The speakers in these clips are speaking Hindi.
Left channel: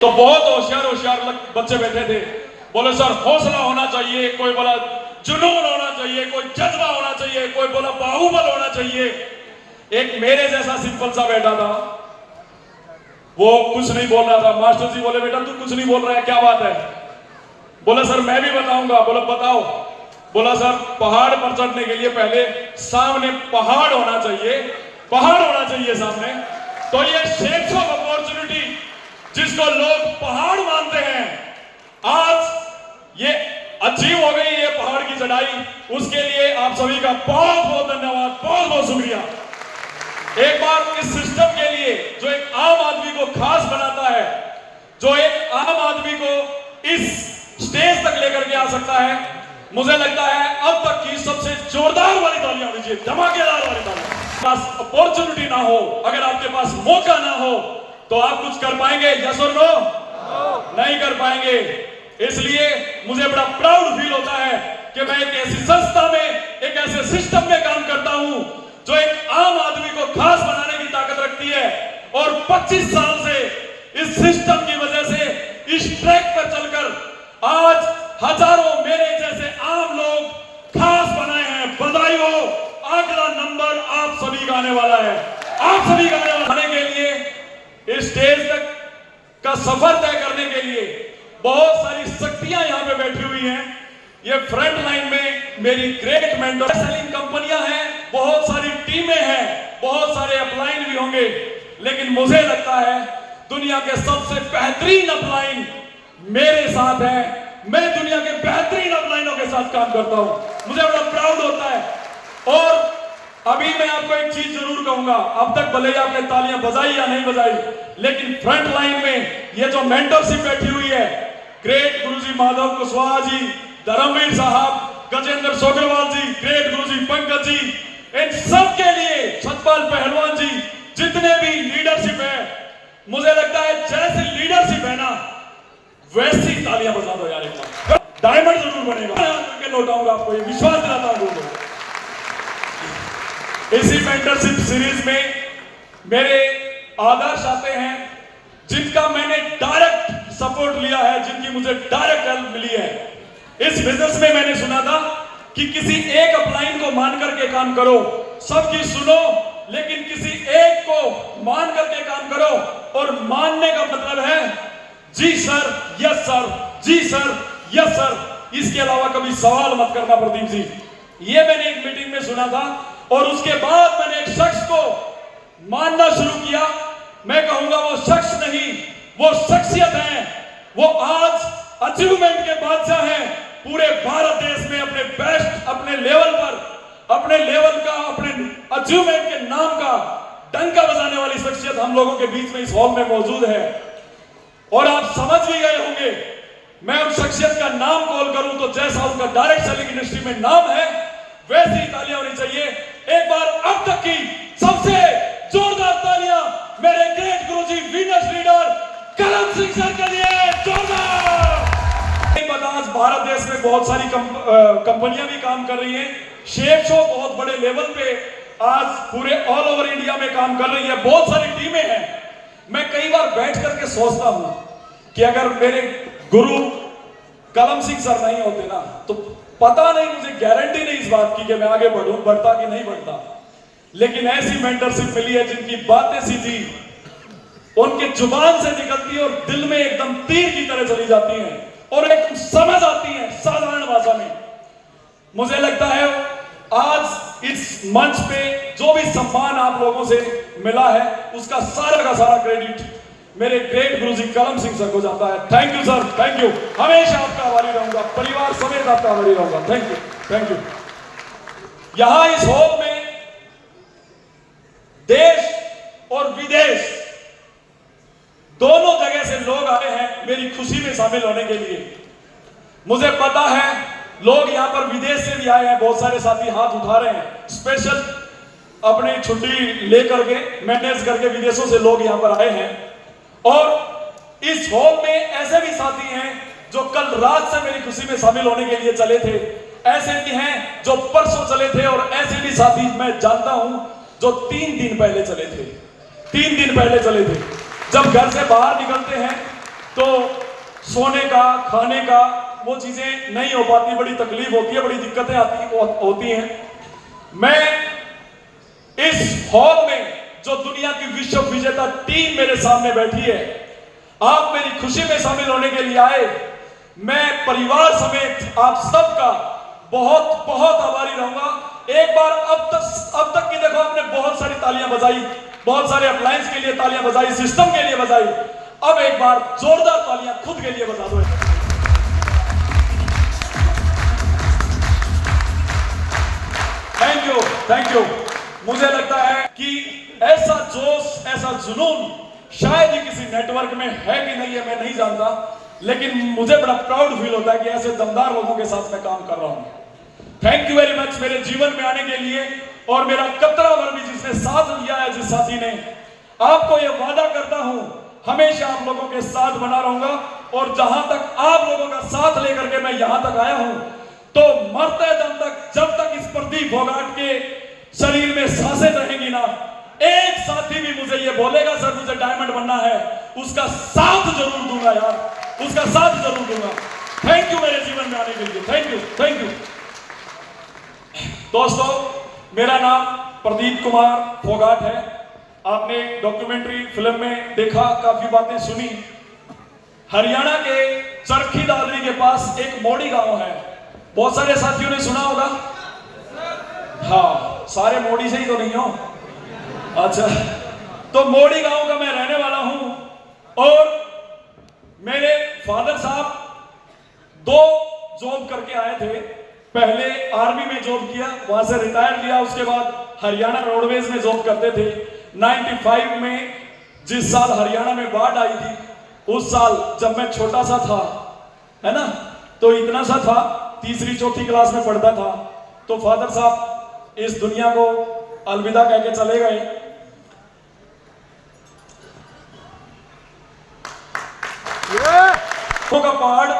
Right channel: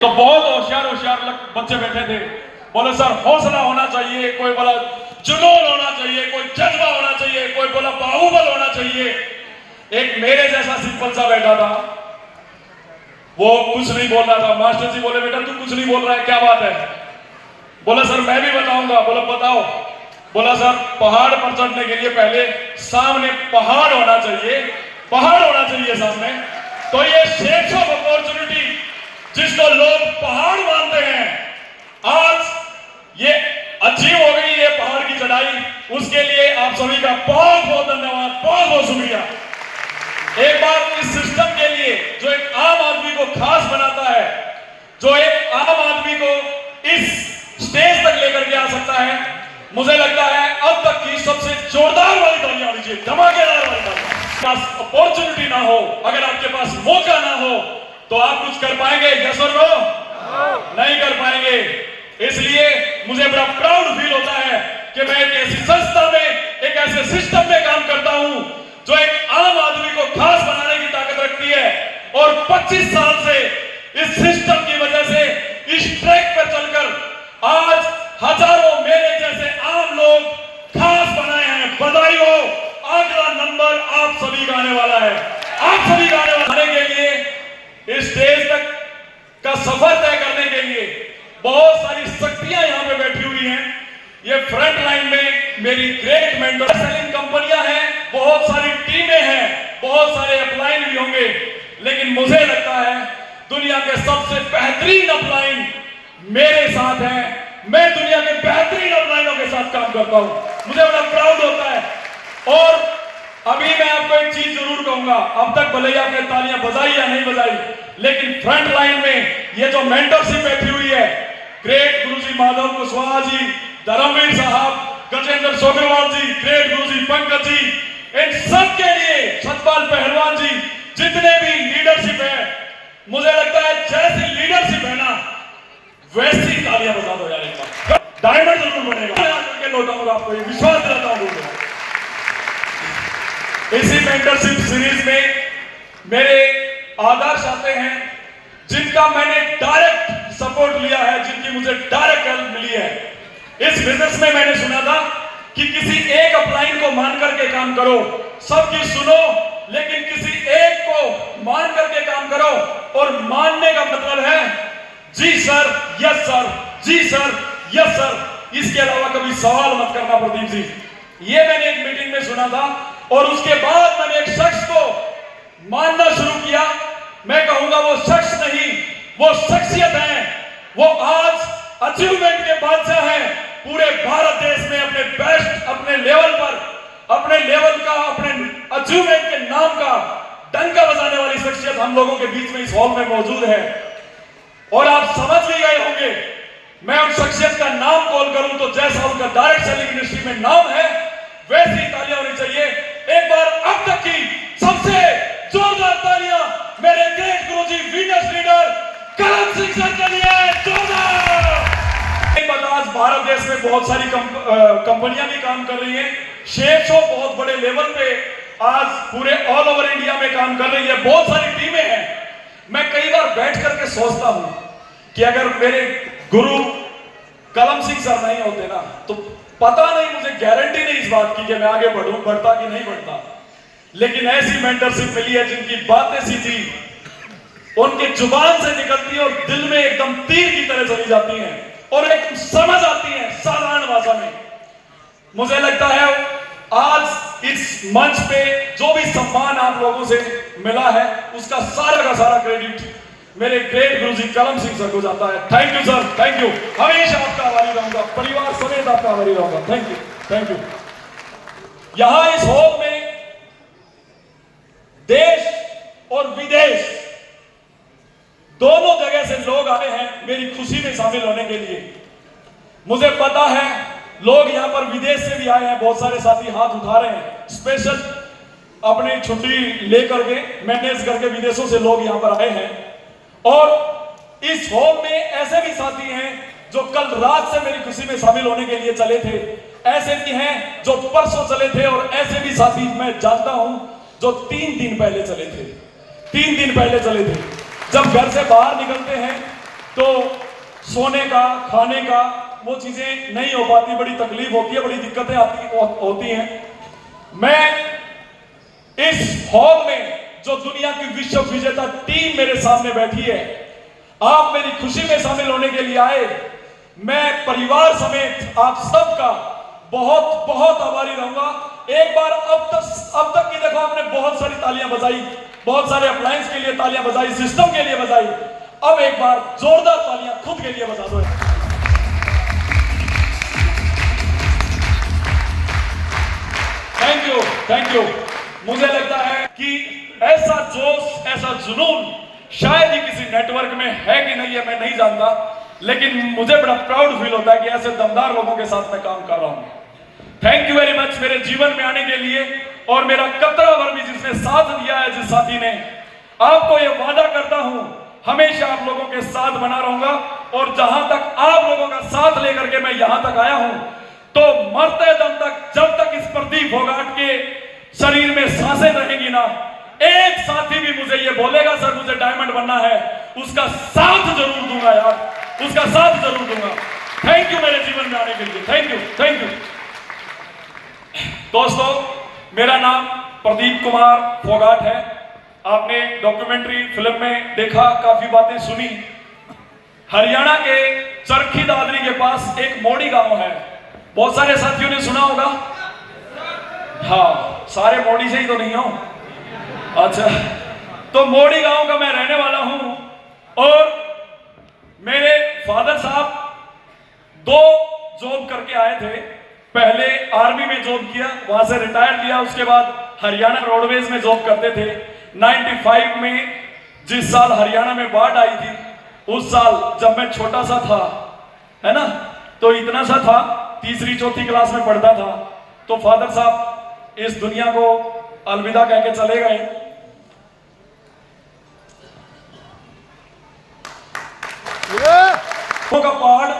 तो बहुत होशियार होशियार बच्चे बैठे थे। बोले सर हौसला होना चाहिए, कोई बोला जुनून होना चाहिए, कोई जज्बा होना चाहिए, कोई बोला बाहुबल होना चाहिए। एक मेरे जैसा सिंपल सा बैठा था, वो कुछ नहीं बोल रहा था। मास्टर जी बोले बेटा तू कुछ नहीं बोल रहा है, क्या बात है? बोला सर मैं भी बताऊंगा। बोला बताओ। बोला सर पहाड़ पर चढ़ने के लिए पहले सामने पहाड़ होना चाहिए, पहाड़ होना चाहिए सामने। तो ये शेप्स ऑफ अपॉर्चुनिटी जिसको लोग पहाड़ मानते हैं, आज ये अचीव हो गई ये पहाड़ की चढ़ाई। उसके लिए आप सभी का बहुत बहुत धन्यवाद, बहुत बहुत शुक्रिया। एक बार इस सिस्टम के लिए जो एक आम आदमी को खास बनाता है, जो एक आम आदमी को इस स्टेज तक लेकर के आ सकता है, मुझे लगता है अब तक की सबसे जोरदार वाली तालियां दीजिए, धमाकेदार वाली तालियां। पास अपॉर्चुनिटी ना हो, अगर आपके पास मौका ना हो, तो आप कुछ कर पाएंगे? यस और नो? नहीं कर पाएंगे। इसलिए मुझे बड़ा प्राउड फील होता है कि मैं एक ऐसी संस्था में, एक ऐसे सिस्टम में काम करता हूं जो एक आम आदमी को खास बनाने की ताकत रखती है। और 25 साल से इस सिस्टम की वजह से इस ट्रैक पर चलकर आज हजारों मेरे जैसे आम लोग खास बनाए हैं। बधाई हो, अगला नंबर आप सभी का आने वाला है, आप सभी का आने वाला के लिए इस स्टेज तक का सफर तय करने के लिए बहुत सारी शक्तियां यहां पे बैठी हुई हैं। ये फ्रंट लाइन में मेरी ग्रेट मेंटर सेलिंग कंपनियां हैं, बहुत सारी टीमें हैं, बहुत सारे अपलाइन भी होंगे, लेकिन मुझे लगता है दुनिया के सबसे बेहतरीन अपलाइन मेरे साथ है। मैं दुनिया के बेहतरीन अपलाइनों के साथ काम करता हूं, मुझे बड़ा प्राउड होता है। और अभी मैं आपको एक चीज जरूर कहूंगा, अब तक भले ही आपने तालियां बजाई या नहीं बजाई, लेकिन फ्रंट लाइन में ये जो मेंटरशिप बैठी हुई है, ग्रेट गुरुजी माधव कुशवाहा जी, धर्मवीर साहब, गजेंद्र सोगरवाल जी, ग्रेट गुरुजी पंकज जी, इन सब के लिए सतपाल पहलवान जी, जितने भी लीडरशिप है, मुझे लगता है जैसी लीडरशिप है ना वैसी तालियां बजा दो यार। एक बार डायमंड जरूर बनेगा, लौटाऊंगा आपको, विश्वास दिलाता हूं। इसी मेंटरशिप सीरीज में मेरे आदर्श आते हैं जिनका मैंने डायरेक्ट सपोर्ट लिया है, जिनकी मुझे डायरेक्ट हेल्प मिली है। इस बिजनेस में मैंने सुना था कि किसी एक अपलाइन को मान करके काम करो, सबकी सुनो, लेकिन किसी एक को मान करके काम करो। और मानने का मतलब है जी सर, यस सर, जी सर, यस सर, इसके अलावा कभी सवाल मत करना। प्रदीप जी, ये मैंने एक मीटिंग में सुना था और उसके बाद मैंने एक शख्स को मानना शुरू किया। मैं कहूंगा वो शख्स नहीं, वो शख्सियत है। वो आज अचीवमेंट के बादशाह हैं। पूरे भारत देश में अपने बेस्ट, अपने लेवल पर, अपने लेवल का, अपने अचीवमेंट के नाम का डंका बजाने वाली शख्सियत हम लोगों के बीच में इस हॉल में मौजूद है। और आप समझ भी गए होंगे, मैं उन शख्सियत का नाम कॉल करूं तो जैसा उनका डायरेक्ट सेलिंग इंडस्ट्री में नाम है, वैसी तालियां होनी चाहिए। एक बार अब तक की सबसे जोरदार तालियां मेरे ग्रेट गुरुजी वीनस लीडर कलम सिंह सर के लिए, जोरदार। आज भारत देश में बहुत सारी कंपनियां भी काम कर रही हैं। शेप्सो बहुत बड़े लेवल पे आज पूरे ऑल ओवर इंडिया में काम कर रही है, बहुत सारी टीमें हैं। मैं कई बार बैठ करके सोचता हूं कि अगर मेरे गुरु कलम सिंह सर नहीं होते ना, तो पता नहीं, मुझे गारंटी नहीं इस बात की कि मैं आगे बढ़ूं, बढ़ता कि नहीं बढ़ता। लेकिन ऐसी मेंटरशिप मिली है जिनकी बातें सीधी उनके जुबान से निकलती है और दिल में एकदम तीर की तरह चली जाती हैं और एकदम समझ आती हैं साधारण भाषा में। मुझे लगता है आज इस मंच पे जो भी सम्मान आप लोगों से मिला है, उसका सारा का सारा क्रेडिट मेरे ग्रेट गुरुजी कलम सिंह सर को जाता है। Thank you sir, thank you. हमेशा आपका आभारी रहूंगा, परिवार समेत आपका आभारी रहूंगा। Thank you, thank you. यहां इस हॉल में देश और विदेश दोनों जगह से लोग आए हैं मेरी खुशी में शामिल होने के लिए। मुझे पता है लोग यहां पर विदेश से भी आए हैं, बहुत सारे साथी हाथ उठा रहे हैं, स्पेशल अपनी छुट्टी लेकर के, मैनेज करके विदेशों से लोग यहां पर आए हैं। और इस हॉल में ऐसे भी साथी हैं जो कल रात से मेरी खुशी में शामिल होने के लिए चले थे, ऐसे भी हैं जो परसों चले थे, और ऐसे भी साथी मैं जानता हूं जो 3 दिन पहले चले थे, 3 दिन पहले चले थे। जब घर से बाहर निकलते हैं तो सोने का, खाने का, वो चीजें नहीं हो पाती, बड़ी तकलीफ होती है, बड़ी दिक्कतें होती हैं। मैं इस हॉल में जो दुनिया की विश्व विजेता टीम मेरे सामने बैठी है, आप मेरी खुशी में शामिल होने के लिए आए, मैं परिवार समेत आप सबका बहुत बहुत आभारी रहूंगा। एक बार अब तक की देखो, आपने बहुत सारी तालियां बजाई, बहुत सारे अप्लायंस के लिए तालियां बजाई, सिस्टम के लिए बजाई, अब एक बार जोरदार तालियां खुद के लिए बजा दो। Thank you. मुझे लगता है कि ऐसा जोश, ऐसा जुनून शायद ही किसी नेटवर्क में है कि नहीं है, मैं नहीं जानता, लेकिन मुझे बड़ा प्राउड फील होता है कि ऐसे दमदार लोगों के साथ मैं काम कर रहा हूं। थैंक यू वेरी मच मेरे जीवन में आने के लिए, और मेरा कतरा भर भी जिसने साथ दिया है, जिस साथी ने, आपको यह वादा करता हूं हमेशा आप लोगों के साथ बना रहूंगा। और जहां तक आप लोगों का साथ लेकर के मैं यहां तक आया हूं, तो मरते दम तक, जब तक इस प्रदीप फोगाट के शरीर में सांसें रहेंगी ना, एक साथी भी मुझे ये बोलेगा सर मुझे डायमंड बनना है, उसका साथ जरूर दूंगा यार, उसका साथ जरूर दूंगा। थैंक यू मेरे जीवन में आने के लिए, थैंक यू। दोस्तों, मेरा नाम प्रदीप कुमार फोगाट है। आपने डॉक्यूमेंट्री फिल्म में देखा, काफी बातें सुनी। हरियाणा के चरखी दादरी के पास एक मोड़ी गांव है, बहुत सारे साथियों ने सुना होगा। हाँ, सारे मोड़ी से ही तो नहीं हो। अच्छा, तो मोड़ी गांव का मैं रहने वाला हूं, और मेरे फादर साहब 2 जॉब करके आए थे। पहले आर्मी में जॉब किया, वहां से रिटायर किया, उसके बाद हरियाणा रोडवेज में जॉब करते थे। 95 में जिस साल हरियाणा में बाढ़ आई थी, उस साल जब मैं छोटा सा था, है ना, तो इतना सा था, 3री-4थी क्लास में पढ़ता था, तो फादर साहब इस दुनिया को अलविदा कह के चले गए। का पहाड़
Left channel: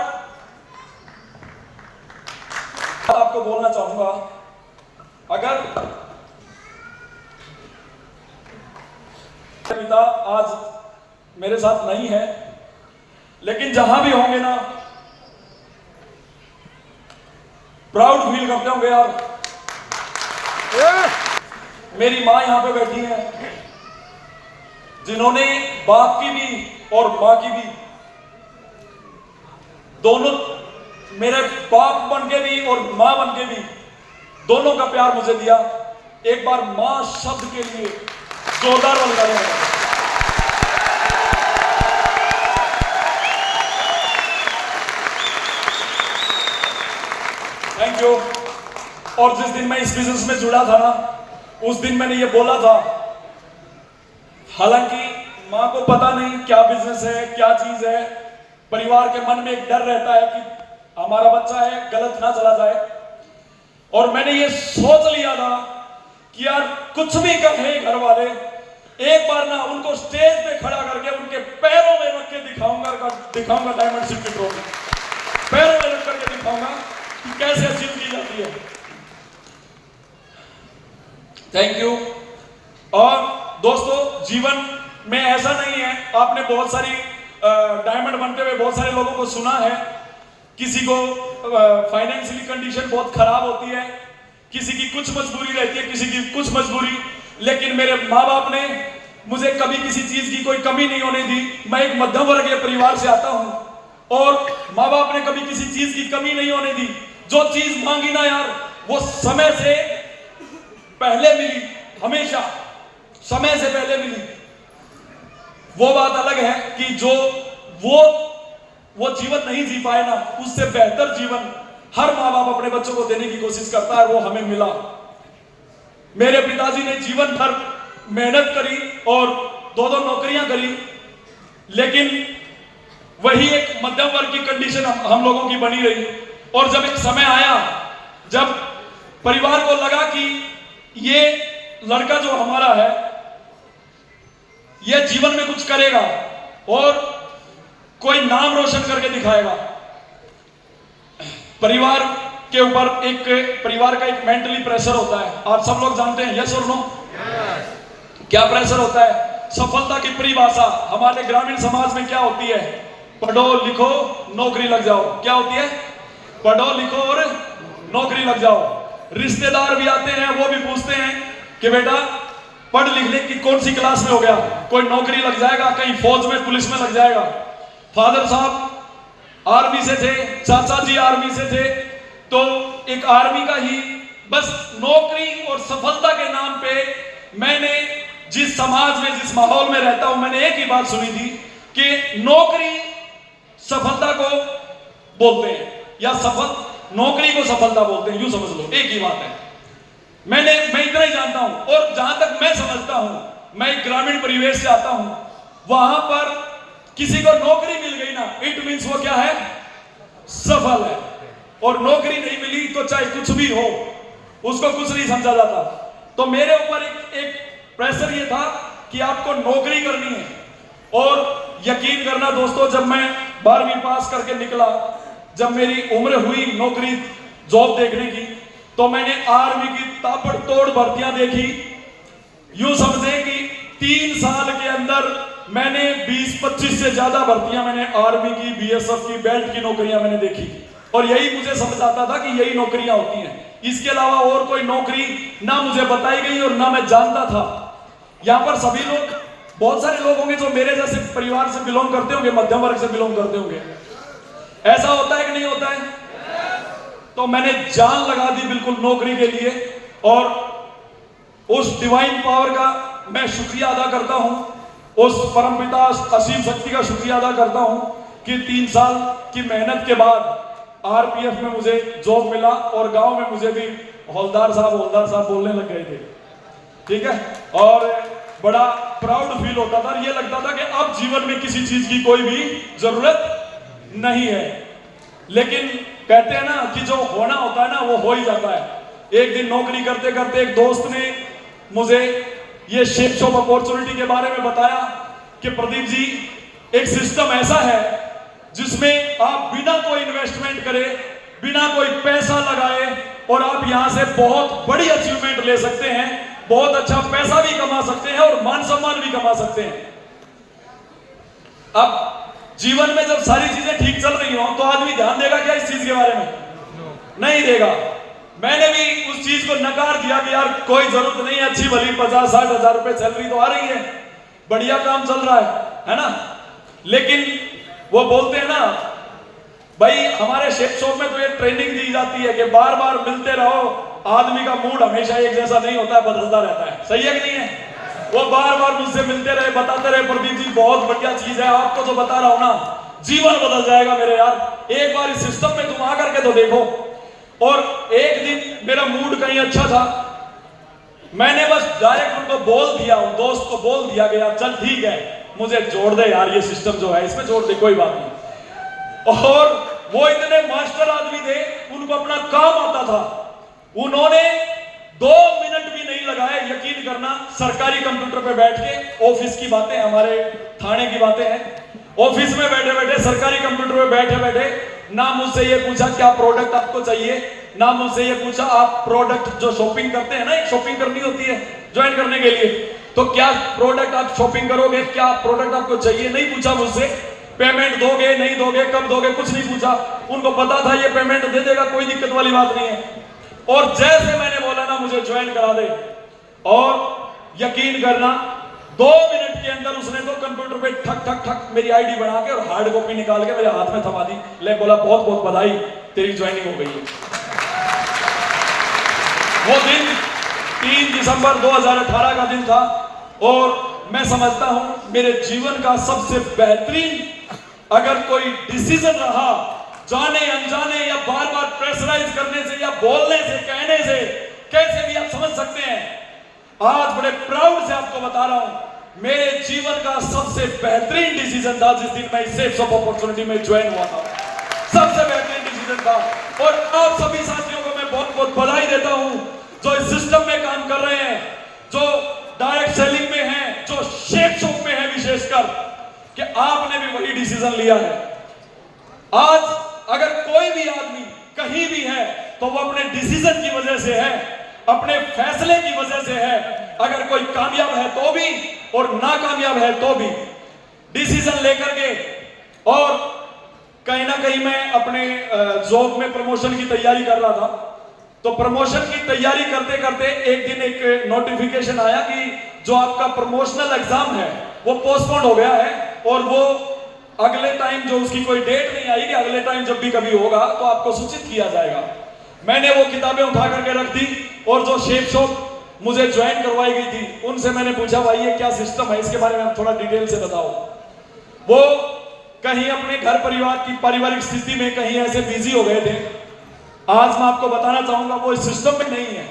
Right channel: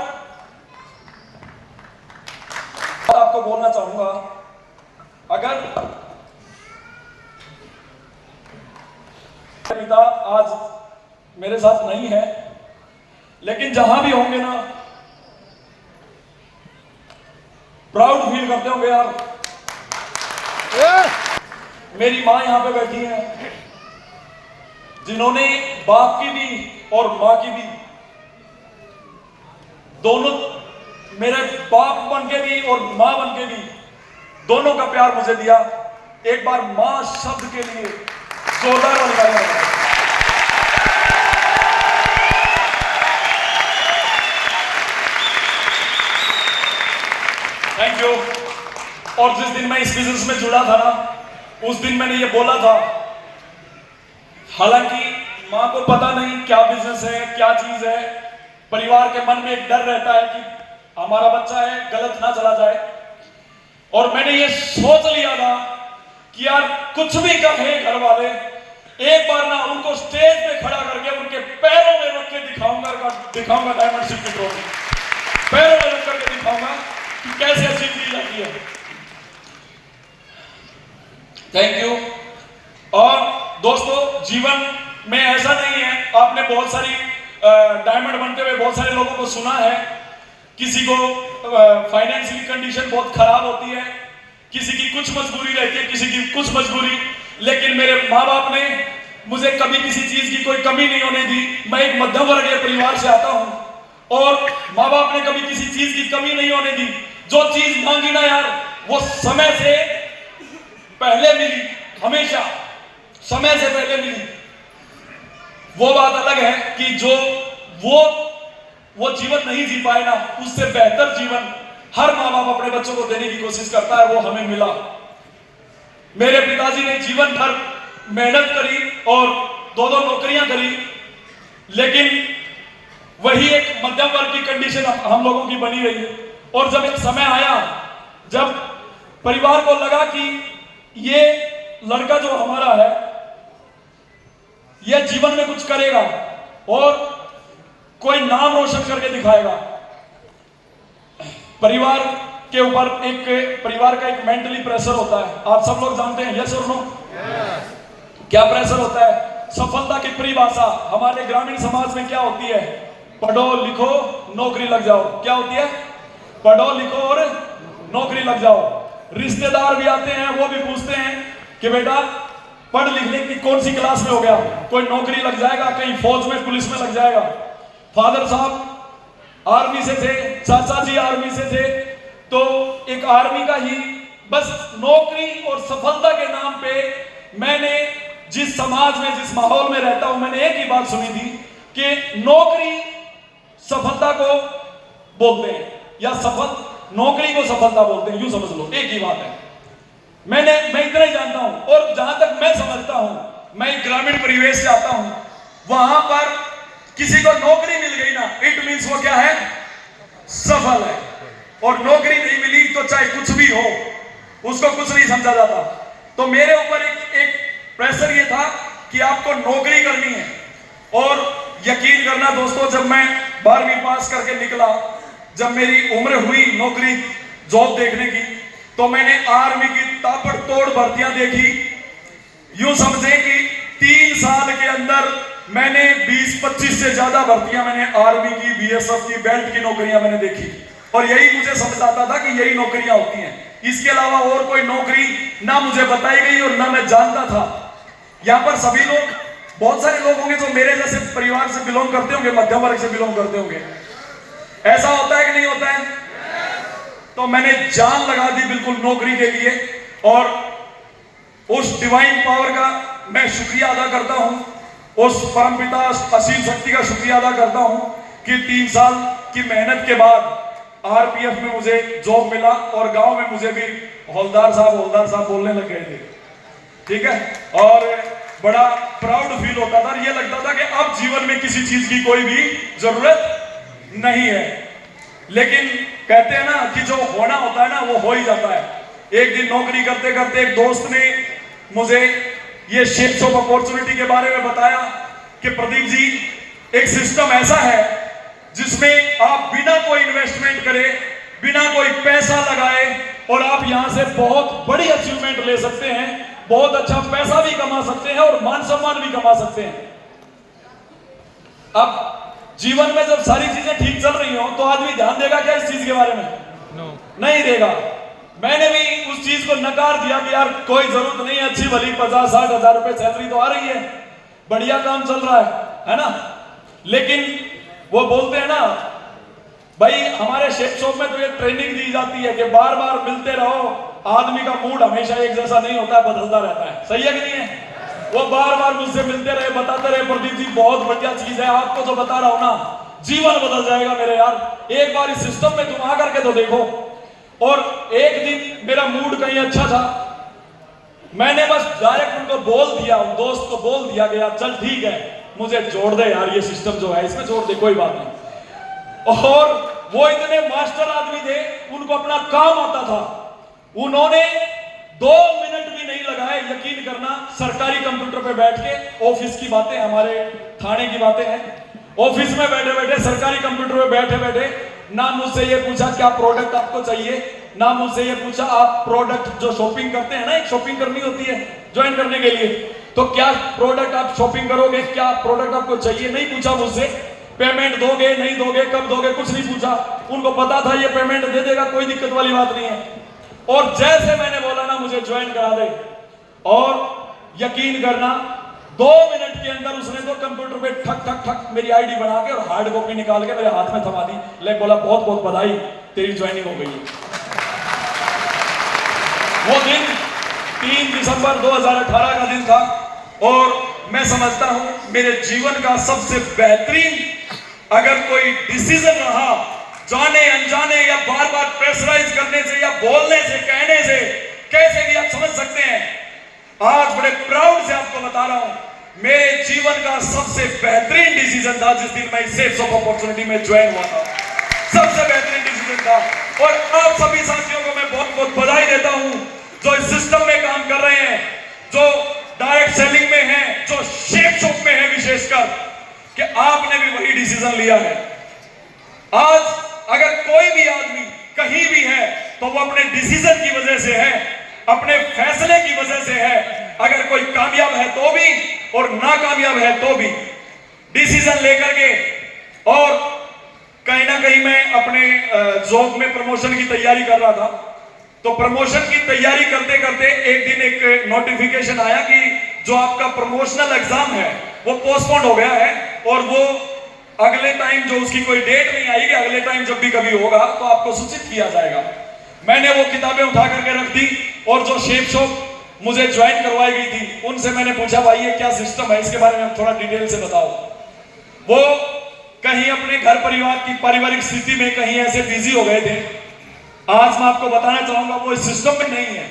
आपको बोलना चाहूंगा, अगर पिता आज मेरे साथ नहीं है, लेकिन जहां भी होंगे ना, प्राउड फील करते होंगे यार। मेरी मां यहां पे बैठी है, जिन्होंने बाप की भी और मां की भी, दोनों, मेरे बाप बन के भी और मां बन के भी, दोनों का प्यार मुझे दिया। एक बार मां शब्द के लिए जोरदार वाली तालियां बजाएं। Thank you. और जिस दिन मैं इस बिजनेस में जुड़ा था ना, उस दिन मैंने ये बोला था, हालांकि मां को पता नहीं क्या बिजनेस है, क्या चीज है, परिवार के मन में एक डर रहता है कि हमारा बच्चा है, गलत ना चला जाए। और मैंने ये सोच लिया था कि यार कुछ भी कहे घर वाले, एक बार ना उनको स्टेज पे खड़ा करके उनके पैरों में रख के दिखाऊंगा डायमंड की ट्रॉफी, पैरों में रख करके दिखाऊंगा कि कैसे अचीव की जाती है। Thank you. और दोस्तों, जीवन में ऐसा नहीं है, आपने बहुत सारी डायमंड बनते हुए बहुत सारे लोगों को सुना है, किसी को फाइनेंशियली कंडीशन बहुत खराब होती है, किसी की कुछ मजबूरी रहती है, किसी की कुछ मजबूरी, लेकिन मेरे माँ बाप ने मुझे कभी किसी चीज की कोई कमी नहीं होने दी। मैं एक मध्यम वर्गीय परिवार से आता हूं, और माँ बाप ने कभी किसी चीज की कमी नहीं होने दी। जो चीज मांगी ना यार, वो समय से पहले मिली, हमेशा समय से पहले मिली। वो बात अलग है कि जो वो जीवन नहीं जी पाए ना, उससे बेहतर जीवन हर माँ बाप अपने बच्चों को देने की कोशिश करता है, वो हमें मिला। मेरे पिताजी ने जीवन भर मेहनत करी और 2-2 नौकरियां करी, लेकिन वही एक मध्यम वर्ग की कंडीशन हम लोगों की बनी रही। और जब एक समय आया जब परिवार को लगा कि ये लड़का जो हमारा है, यह जीवन में कुछ करेगा और कोई नाम रोशन करके दिखाएगा, परिवार के ऊपर परिवार का एक मेंटली प्रेशर होता है, आप सब लोग जानते हैं, यस और नो? क्या प्रेशर होता है? सफलता की परिभाषा हमारे ग्रामीण समाज में क्या होती है? पढ़ो लिखो नौकरी लग जाओ। क्या होती है? पढ़ो लिखो और नौकरी लग जाओ। रिश्तेदार भी आते हैं, वो भी पूछते हैं कि बेटा पढ़ लिखने की कौन सी क्लास में हो गया, कोई नौकरी लग जाएगा, कहीं फौज में पुलिस में लग जाएगा। फादर साहब आर्मी से थे, चाचा जी आर्मी से थे, तो एक आर्मी का ही बस नौकरी और सफलता के नाम पे मैंने जिस समाज में जिस माहौल में रहता हूं, मैंने एक ही बात सुनी थी कि नौकरी सफलता को बोलते हैं, या नौकरी को सफलता बोलते हैं, यूं समझ लो, एक ही बात है। मैं इतना ही जानता हूं, और जहां तक मैं समझता हूं, मैं एक ग्रामीण परिवेश से आता हूं, वहां पर किसी को नौकरी मिल गई ना, इट मींस वो क्या है? सफल है। और नौकरी नहीं मिली तो चाहे कुछ भी हो, उसको कुछ नहीं समझा जाता। तो मेरे ऊपर एक प्रेशर ये था कि आपको नौकरी करनी है। और यकीन करना दोस्तों, जब मैं 12वीं पास करके निकला, जब मेरी उम्र हुई नौकरी जॉब देखने की, तो मैंने आर्मी की ताबड़तोड़ भर्तियां देखी। यूं समझे कि 3 साल के अंदर मैंने 20-25 से ज्यादा भर्तियां मैंने आर्मी की, बीएसएफ की, बेल्ट की नौकरियां मैंने देखी। और यही मुझे समझ आता था कि यही नौकरियां होती हैं, इसके अलावा और कोई नौकरी ना मुझे बताई गई और ना मैं जानता था। यहां पर सभी लोग, बहुत सारे लोग होंगे जो मेरे जैसे परिवार से बिलोंग करते होंगे, मध्यम वर्ग से बिलोंग करते होंगे। ऐसा होता है कि नहीं होता है? तो मैंने जान लगा दी बिल्कुल नौकरी के लिए, और उस डिवाइन पावर का मैं शुक्रिया अदा करता हूं, उस परमपिता असीम शक्ति का शुक्रिया अदा करता हूं कि 3 साल की मेहनत के बाद आरपीएफ में मुझे जॉब मिला, और गांव में मुझे भी हौलदार साहब बोलने लग गए थे। ठीक है, और बड़ा प्राउड फील होता था, और ये लगता था कि अब जीवन में किसी चीज की कोई भी जरूरत नहीं है। लेकिन कहते हैं ना कि जो होना होता है ना, वो हो ही जाता है। एक दिन नौकरी करते करते एक दोस्त ने मुझे ये शेप शॉप अपॉर्चुनिटी के बारे में बताया कि प्रदीप जी, एक सिस्टम ऐसा है जिसमें आप बिना कोई इन्वेस्टमेंट करे, बिना कोई पैसा लगाए, और आप यहां से बहुत बड़ी अचीवमेंट ले सकते हैं, बहुत अच्छा पैसा भी कमा सकते हैं और मान सम्मान भी कमा सकते हैं। अब जीवन में जब सारी चीजें ठीक चल रही हो तो आदमी ध्यान देगा क्या इस चीज के बारे में? नहीं देगा। मैंने भी उस चीज को नकार दिया कि यार कोई जरूरत नहीं है, अच्छी भली 50-60 हजार रुपए सैलरी तो आ रही है, बढ़िया काम चल रहा है ना। लेकिन वो बोलते हैं ना भाई, हमारे शेप शॉप में तो ये ट्रेनिंग दी जाती है कि बार बार मिलते रहो, आदमी का मूड हमेशा एक जैसा नहीं होता है, बदलता रहता है। सही है कि नहीं है? वो बार बार मुझसे मिलते रहे, बताते रहे प्रदीप जी बहुत बढ़िया चीज है, आपको जो बता रहा हूं ना, जीवन बदल जाएगा मेरे यार, एक बार इस सिस्टम में तुम आ करके तो देखो। और एक दिन मेरा मूड कहीं अच्छा था, मैंने बस डायरेक्ट उनको बोल दिया, उन दोस्त को बोल दिया कि यार चल ठीक है, मुझे जोड़ दे यार, ये सिस्टम जो है इसमें जोड़ दे, कोई बात नहीं। और वो इतने मास्टर आदमी थे, उनको अपना काम आता था, उन्होंने 2 मिनट भी नहीं लगाए, यकीन करना, सरकारी कंप्यूटर पे बैठ के, ऑफिस की बातें, हमारे थाने की बातें हैं, ऑफिस में बैठे बैठे, सरकारी कंप्यूटर पे बैठे बैठे, ना मुझसे ये पूछा क्या प्रोडक्ट आपको चाहिए, ना मुझसे ये पूछा आप प्रोडक्ट जो शॉपिंग करते हैं ना, एक शॉपिंग करनी होती है ज्वाइन करने के लिए, तो क्या प्रोडक्ट आप शॉपिंग करोगे, क्या प्रोडक्ट आपको चाहिए, नहीं पूछा मुझसे। पेमेंट दोगे नहीं दोगे, कब दोगे, कुछ नहीं पूछा। उनको पता था ये पेमेंट दे देगा, कोई दिक्कत वाली बात नहीं है। और जैसे मैंने बोला ना मुझे ज्वाइन करा दे, और यकीन करना 2 मिनट के अंदर उसने तो कंप्यूटर पे ठक ठक ठक मेरी आईडी बना के और हार्ड कॉपी निकाल के मेरे हाथ में थमा दी। ले बोला बहुत बहुत बधाई, तेरी ज्वाइनिंग हो गई है। वो दिन 3 दिसंबर 2018 का दिन था, और मैं समझता हूं मेरे जीवन का सबसे बेहतरीन अगर कोई डिसीजन रहा, जाने अनजाने या बार बार प्रेशराइज करने से या बोलने से, कहने से, कैसे भी आप समझ सकते हैं। आज बड़े प्राउड से आपको बता रहा हूं, मेरे जीवन का सबसे बेहतरीन डिसीजन था जिस दिन मैं इस सेट्स ऑफ अपॉर्चुनिटी में ज्वाइन हुआ था। सबसे बेहतरीन डिसीजन था। और आप सभी साथियों को मैं बहुत बहुत बधाई देता हूं जो इस सिस्टम में काम कर रहे हैं, जो डायरेक्ट सेलिंग में हैं, जो शेप शॉप में है, विशेषकर कि आपने भी वही डिसीजन लिया है। आज अगर कोई भी आदमी कहीं भी है तो वो अपने डिसीजन की वजह से है, अपने फैसले की वजह से है। अगर कोई कामयाब है तो भी और नाकामयाब है तो भी डिसीजन लेकर के और कहीं ना कहीं मैं अपने जॉब में प्रमोशन की तैयारी कर रहा था। तो प्रमोशन की तैयारी करते करते एक दिन एक नोटिफिकेशन आया कि जो आपका प्रमोशनल एग्जाम है वो पोस्टपोन हो गया है और वो अगले टाइम, जो उसकी कोई डेट नहीं आई कि अगले टाइम जब भी कभी होगा तो आपको सूचित किया जाएगा। मैंने वो किताबें उठा करके रख दी और जो शेप शॉप मुझे ज्वाइन करवाई गई थी उनसे मैंने पूछा, भाई ये क्या सिस्टम है, इसके बारे में थोड़ा डिटेल से बताओ। वो कहीं अपने घर परिवार की पारिवारिक स्थिति में कहीं ऐसे बिजी हो गए थे। आज मैं आपको बताना चाहूंगा वो इस सिस्टम में नहीं है।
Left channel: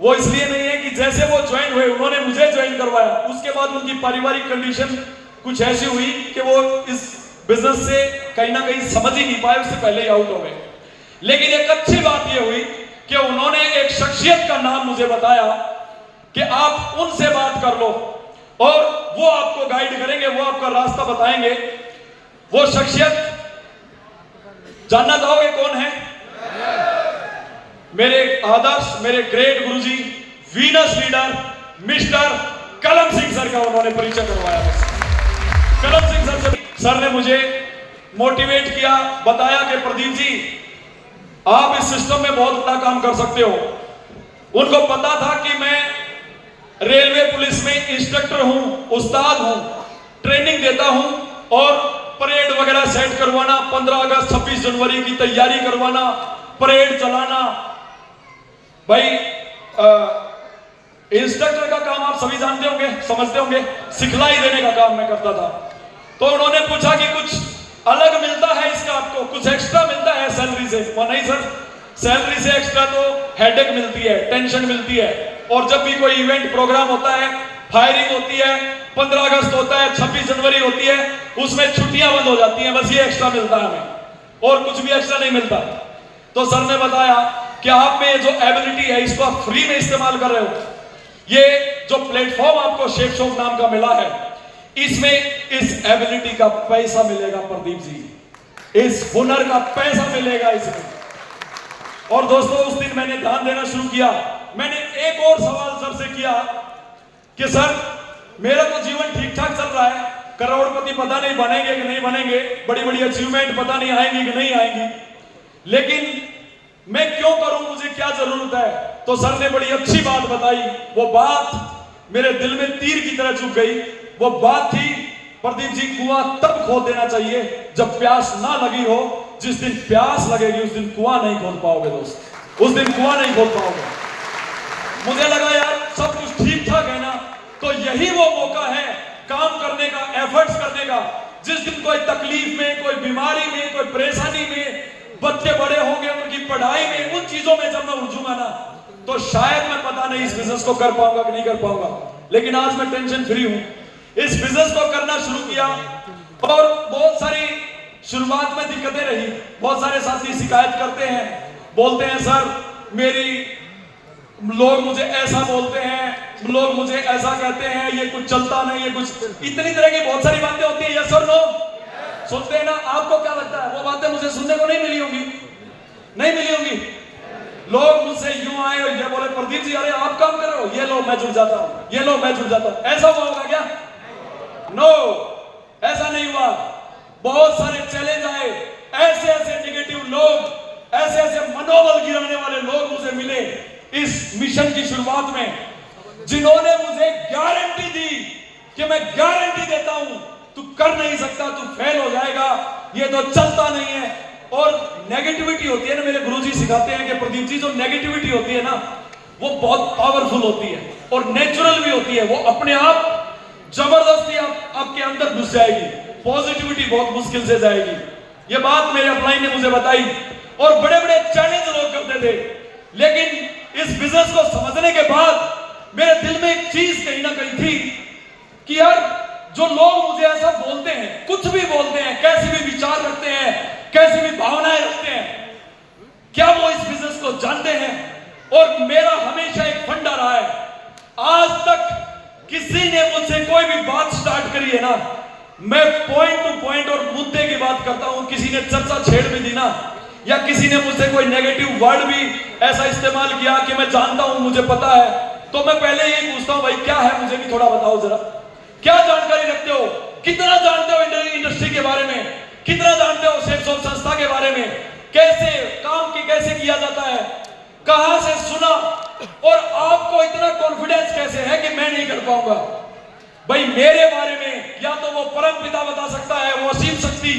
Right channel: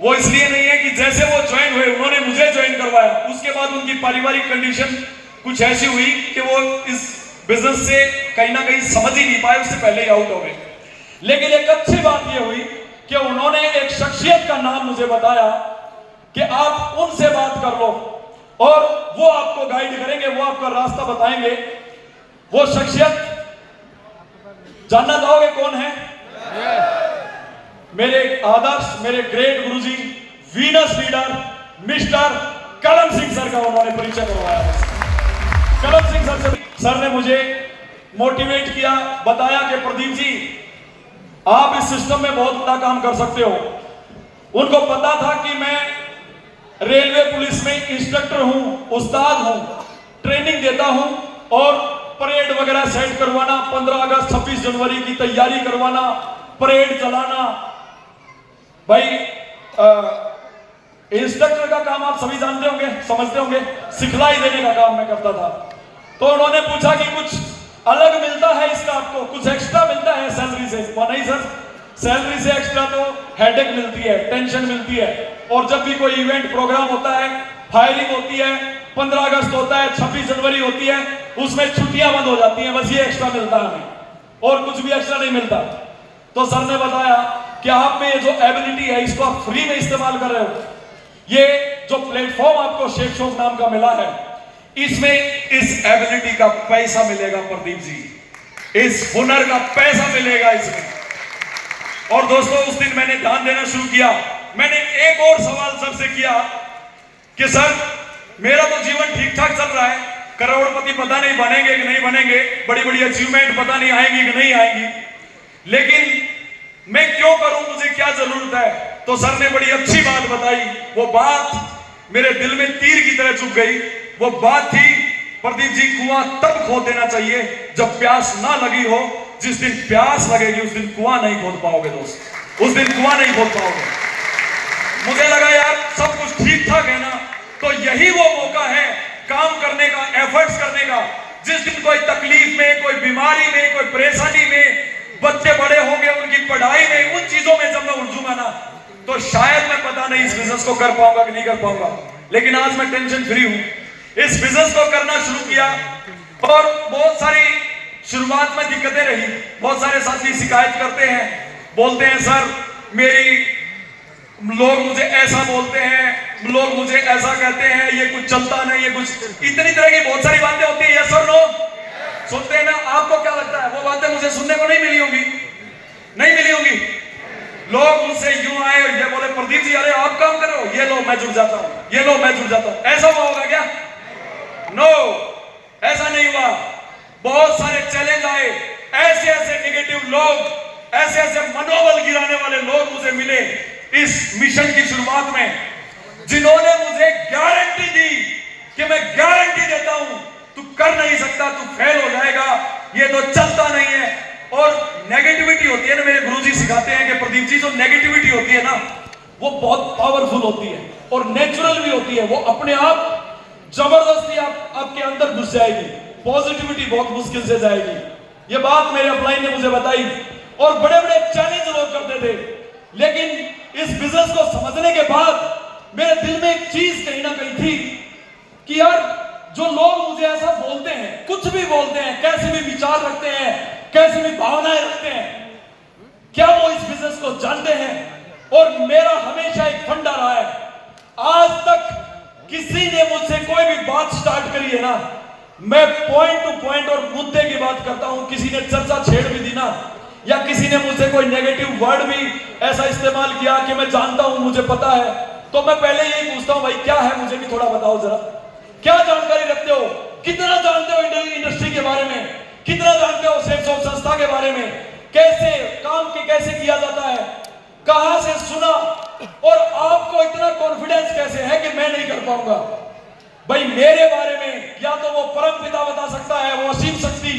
वो इसलिए नहीं है कि जैसे वो ज्वाइन हुए, उन्होंने मुझे ज्वाइन करवाया, उसके बाद उनकी पारिवारिक कंडीशन कुछ ऐसी हुई कि वो इस बिजनेस से कहीं ना कहीं समझ ही नहीं पाए, उससे पहले ही आउट हो गए। लेकिन एक अच्छी बात यह हुई कि उन्होंने एक शख्सियत का नाम मुझे बताया कि आप उनसे बात कर लो और वो आपको गाइड करेंगे, वो आपका रास्ता बताएंगे। वो शख्सियत जानना चाहोगे कौन है? मेरे आदर्श, मेरे ग्रेट गुरुजी, वीनस लीडर मिस्टर कलम सिंह सर का उन्होंने परिचय करवाया है। कलम सिंह सर ने मुझे मोटिवेट किया, बताया कि प्रदीप जी आप इस सिस्टम में बहुत बड़ा काम कर सकते हो। उनको पता था कि मैं रेलवे पुलिस में इंस्ट्रक्टर हूं, उस्ताद हूं, ट्रेनिंग देता हूं और परेड वगैरह सेट करवाना, 15 अगस्त 26 जनवरी की तैयारी करवाना, परेड चलाना। भाई इंस्ट्रक्टर का काम आप सभी जानते होंगे, समझते होंगे, सिखलाई देने का काम मैं करता था। तो उन्होंने पूछा कि कुछ अलग मिलता है इसका, आपको कुछ एक्स्ट्रा मिलता है सैलरी से? नहीं सर, सैलरी से एक्स्ट्रा तो हेडेक मिलती है, टेंशन मिलती है, और जब भी कोई इवेंट प्रोग्राम होता है, फायरिंग होती है, 15 अगस्त होता है, 26 जनवरी होती है, उसमें छुट्टियां बंद हो जाती हैं, बस ये एक्स्ट्रा मिलता है हमें, और कुछ भी एक्स्ट्रा नहीं मिलता। तो सर ने बताया कि आप में जो एबिलिटी है इसको आप फ्री में इस्तेमाल कर रहे हो। ये जो प्लेटफॉर्म आपको शेप शॉप नाम का मिला है, इसमें इस एबिलिटी का पैसा मिलेगा प्रदीप जी, इस हुनर का पैसा मिलेगा इसमें। और दोस्तों उस दिन मैंने ध्यान देना शुरू किया। मैंने एक और सवाल सर से किया कि सर मेरा तो जीवन ठीक ठाक चल रहा है, करोड़पति पता नहीं बनेंगे कि नहीं बनेंगे, बड़ी बड़ी अचीवमेंट पता नहीं आएंगी कि नहीं आएंगी, लेकिन मैं क्यों करूं, मुझे क्या जरूरत है? तो सर ने बड़ी अच्छी बात बताई। वो बात मेरे दिल में तीर की तरह चुभ गई। वो बात थी, प्रदीप जी कुआं तब खोद देना चाहिए जब प्यास ना लगी हो। जिस दिन प्यास लगेगी उस दिन कुआं नहीं खोद पाओगे दोस्त, उस दिन कुआं नहीं खोद पाओगे। मुझे लगा यार सब कुछ ठीक ठाक है ना, तो यही वो मौका है काम करने का, एफर्ट्स करने का। जिस दिन कोई तकलीफ में, कोई बीमारी में, कोई परेशानी में, बच्चे बड़े होंगे, उनकी पढ़ाई में, उन चीजों में जब मैं उलझूंगा ना, तो शायद मैं पता नहीं इस बिजनेस को कर पाऊंगा कि नहीं कर पाऊंगा। लेकिन आज मैं टेंशन फ्री हूं, इस बिजनेस को करना शुरू किया। और बहुत सारी शुरुआत में दिक्कतें रही, बहुत सारे साथी शिकायत करते हैं, बोलते हैं सर मेरी, लोग मुझे ऐसा बोलते हैं, लोग मुझे ऐसा कहते हैं, ये कुछ चलता नहीं, ये कुछ, इतनी तरह की बहुत सारी बातें होती है। यस और नो सुनते हैं ना? आपको क्या लगता है वो बातें मुझे सुनने को नहीं मिली होंगी? नहीं मिली होंगी। लोग मुझसे यूं आए और ये बोले प्रदीप जी अरे आप काम करो, ये लो मैं जुड़ जाता हूं, ये लो मैं जुड़ जाता हूं। ऐसा हुआ होगा क्या? नो, ऐसा नहीं हुआ। बहुत सारे चैलेंज आए, ऐसे ऐसे नेगेटिव लोग, ऐसे ऐसे मनोबल गिराने वाले लोग मुझे मिले इस मिशन की शुरुआत में, जिन्होंने मुझे गारंटी दी कि मैं गारंटी देता हूं तू कर नहीं सकता, तू फेल हो जाएगा, ये तो चलता नहीं है। और नेगेटिविटी होती है ना, मेरे गुरुजी सिखाते हैं कि प्रदीप जी जो नेगेटिविटी होती है ना वो बहुत पावरफुल होती है और नेचुरल भी होती है। वो अपने आप जबरदस्ती आपके अंदर घुस जाएगी, पॉजिटिविटी बहुत मुश्किल से जाएगी। ये बात मेरे अपलाइन ने मुझे बताई। और बड़े बड़े चैलेंज लोग करते थे, लेकिन इस बिजनेस को समझने के बाद मेरे दिल में एक चीज कहीं ना कहीं थी कि यार जो लोग मुझे ऐसा बोलते हैं, कुछ भी बोलते हैं, कैसे भी विचार रखते हैं, कैसी भी भावनाएं रखते हैं, क्या वो इस बिजनेस को जानते हैं? और मेरा हमेशा एक फंडा रहा है, आज तक किसी ने मुझसे कोई भी बात स्टार्ट करी है ना, मैं पॉइंट टू पॉइंट और मुद्दे की बात करता हूं। किसी ने चर्चा छेड़ भी दी ना, या किसी ने मुझसे कोई नेगेटिव वर्ड भी ऐसा इस्तेमाल किया कि मैं जानता हूं, मुझे पता है, तो मैं पहले यही पूछता हूं भाई क्या है, मुझे भी थोड़ा बताओ जरा, क्या जानकारी रखते हो, कितना जानते हो इंडस्ट्री के बारे में, कितना जानते हो सेफ्स ऑफ संस्था के बारे में, कैसे काम की कैसे किया जाता है, कहां से सुना, और आपको इतना कॉन्फिडेंस कैसे है कि मैं नहीं कर पाऊंगा? भाई मेरे बारे में या तो वो परम पिता बता सकता है, वो असीम शक्ति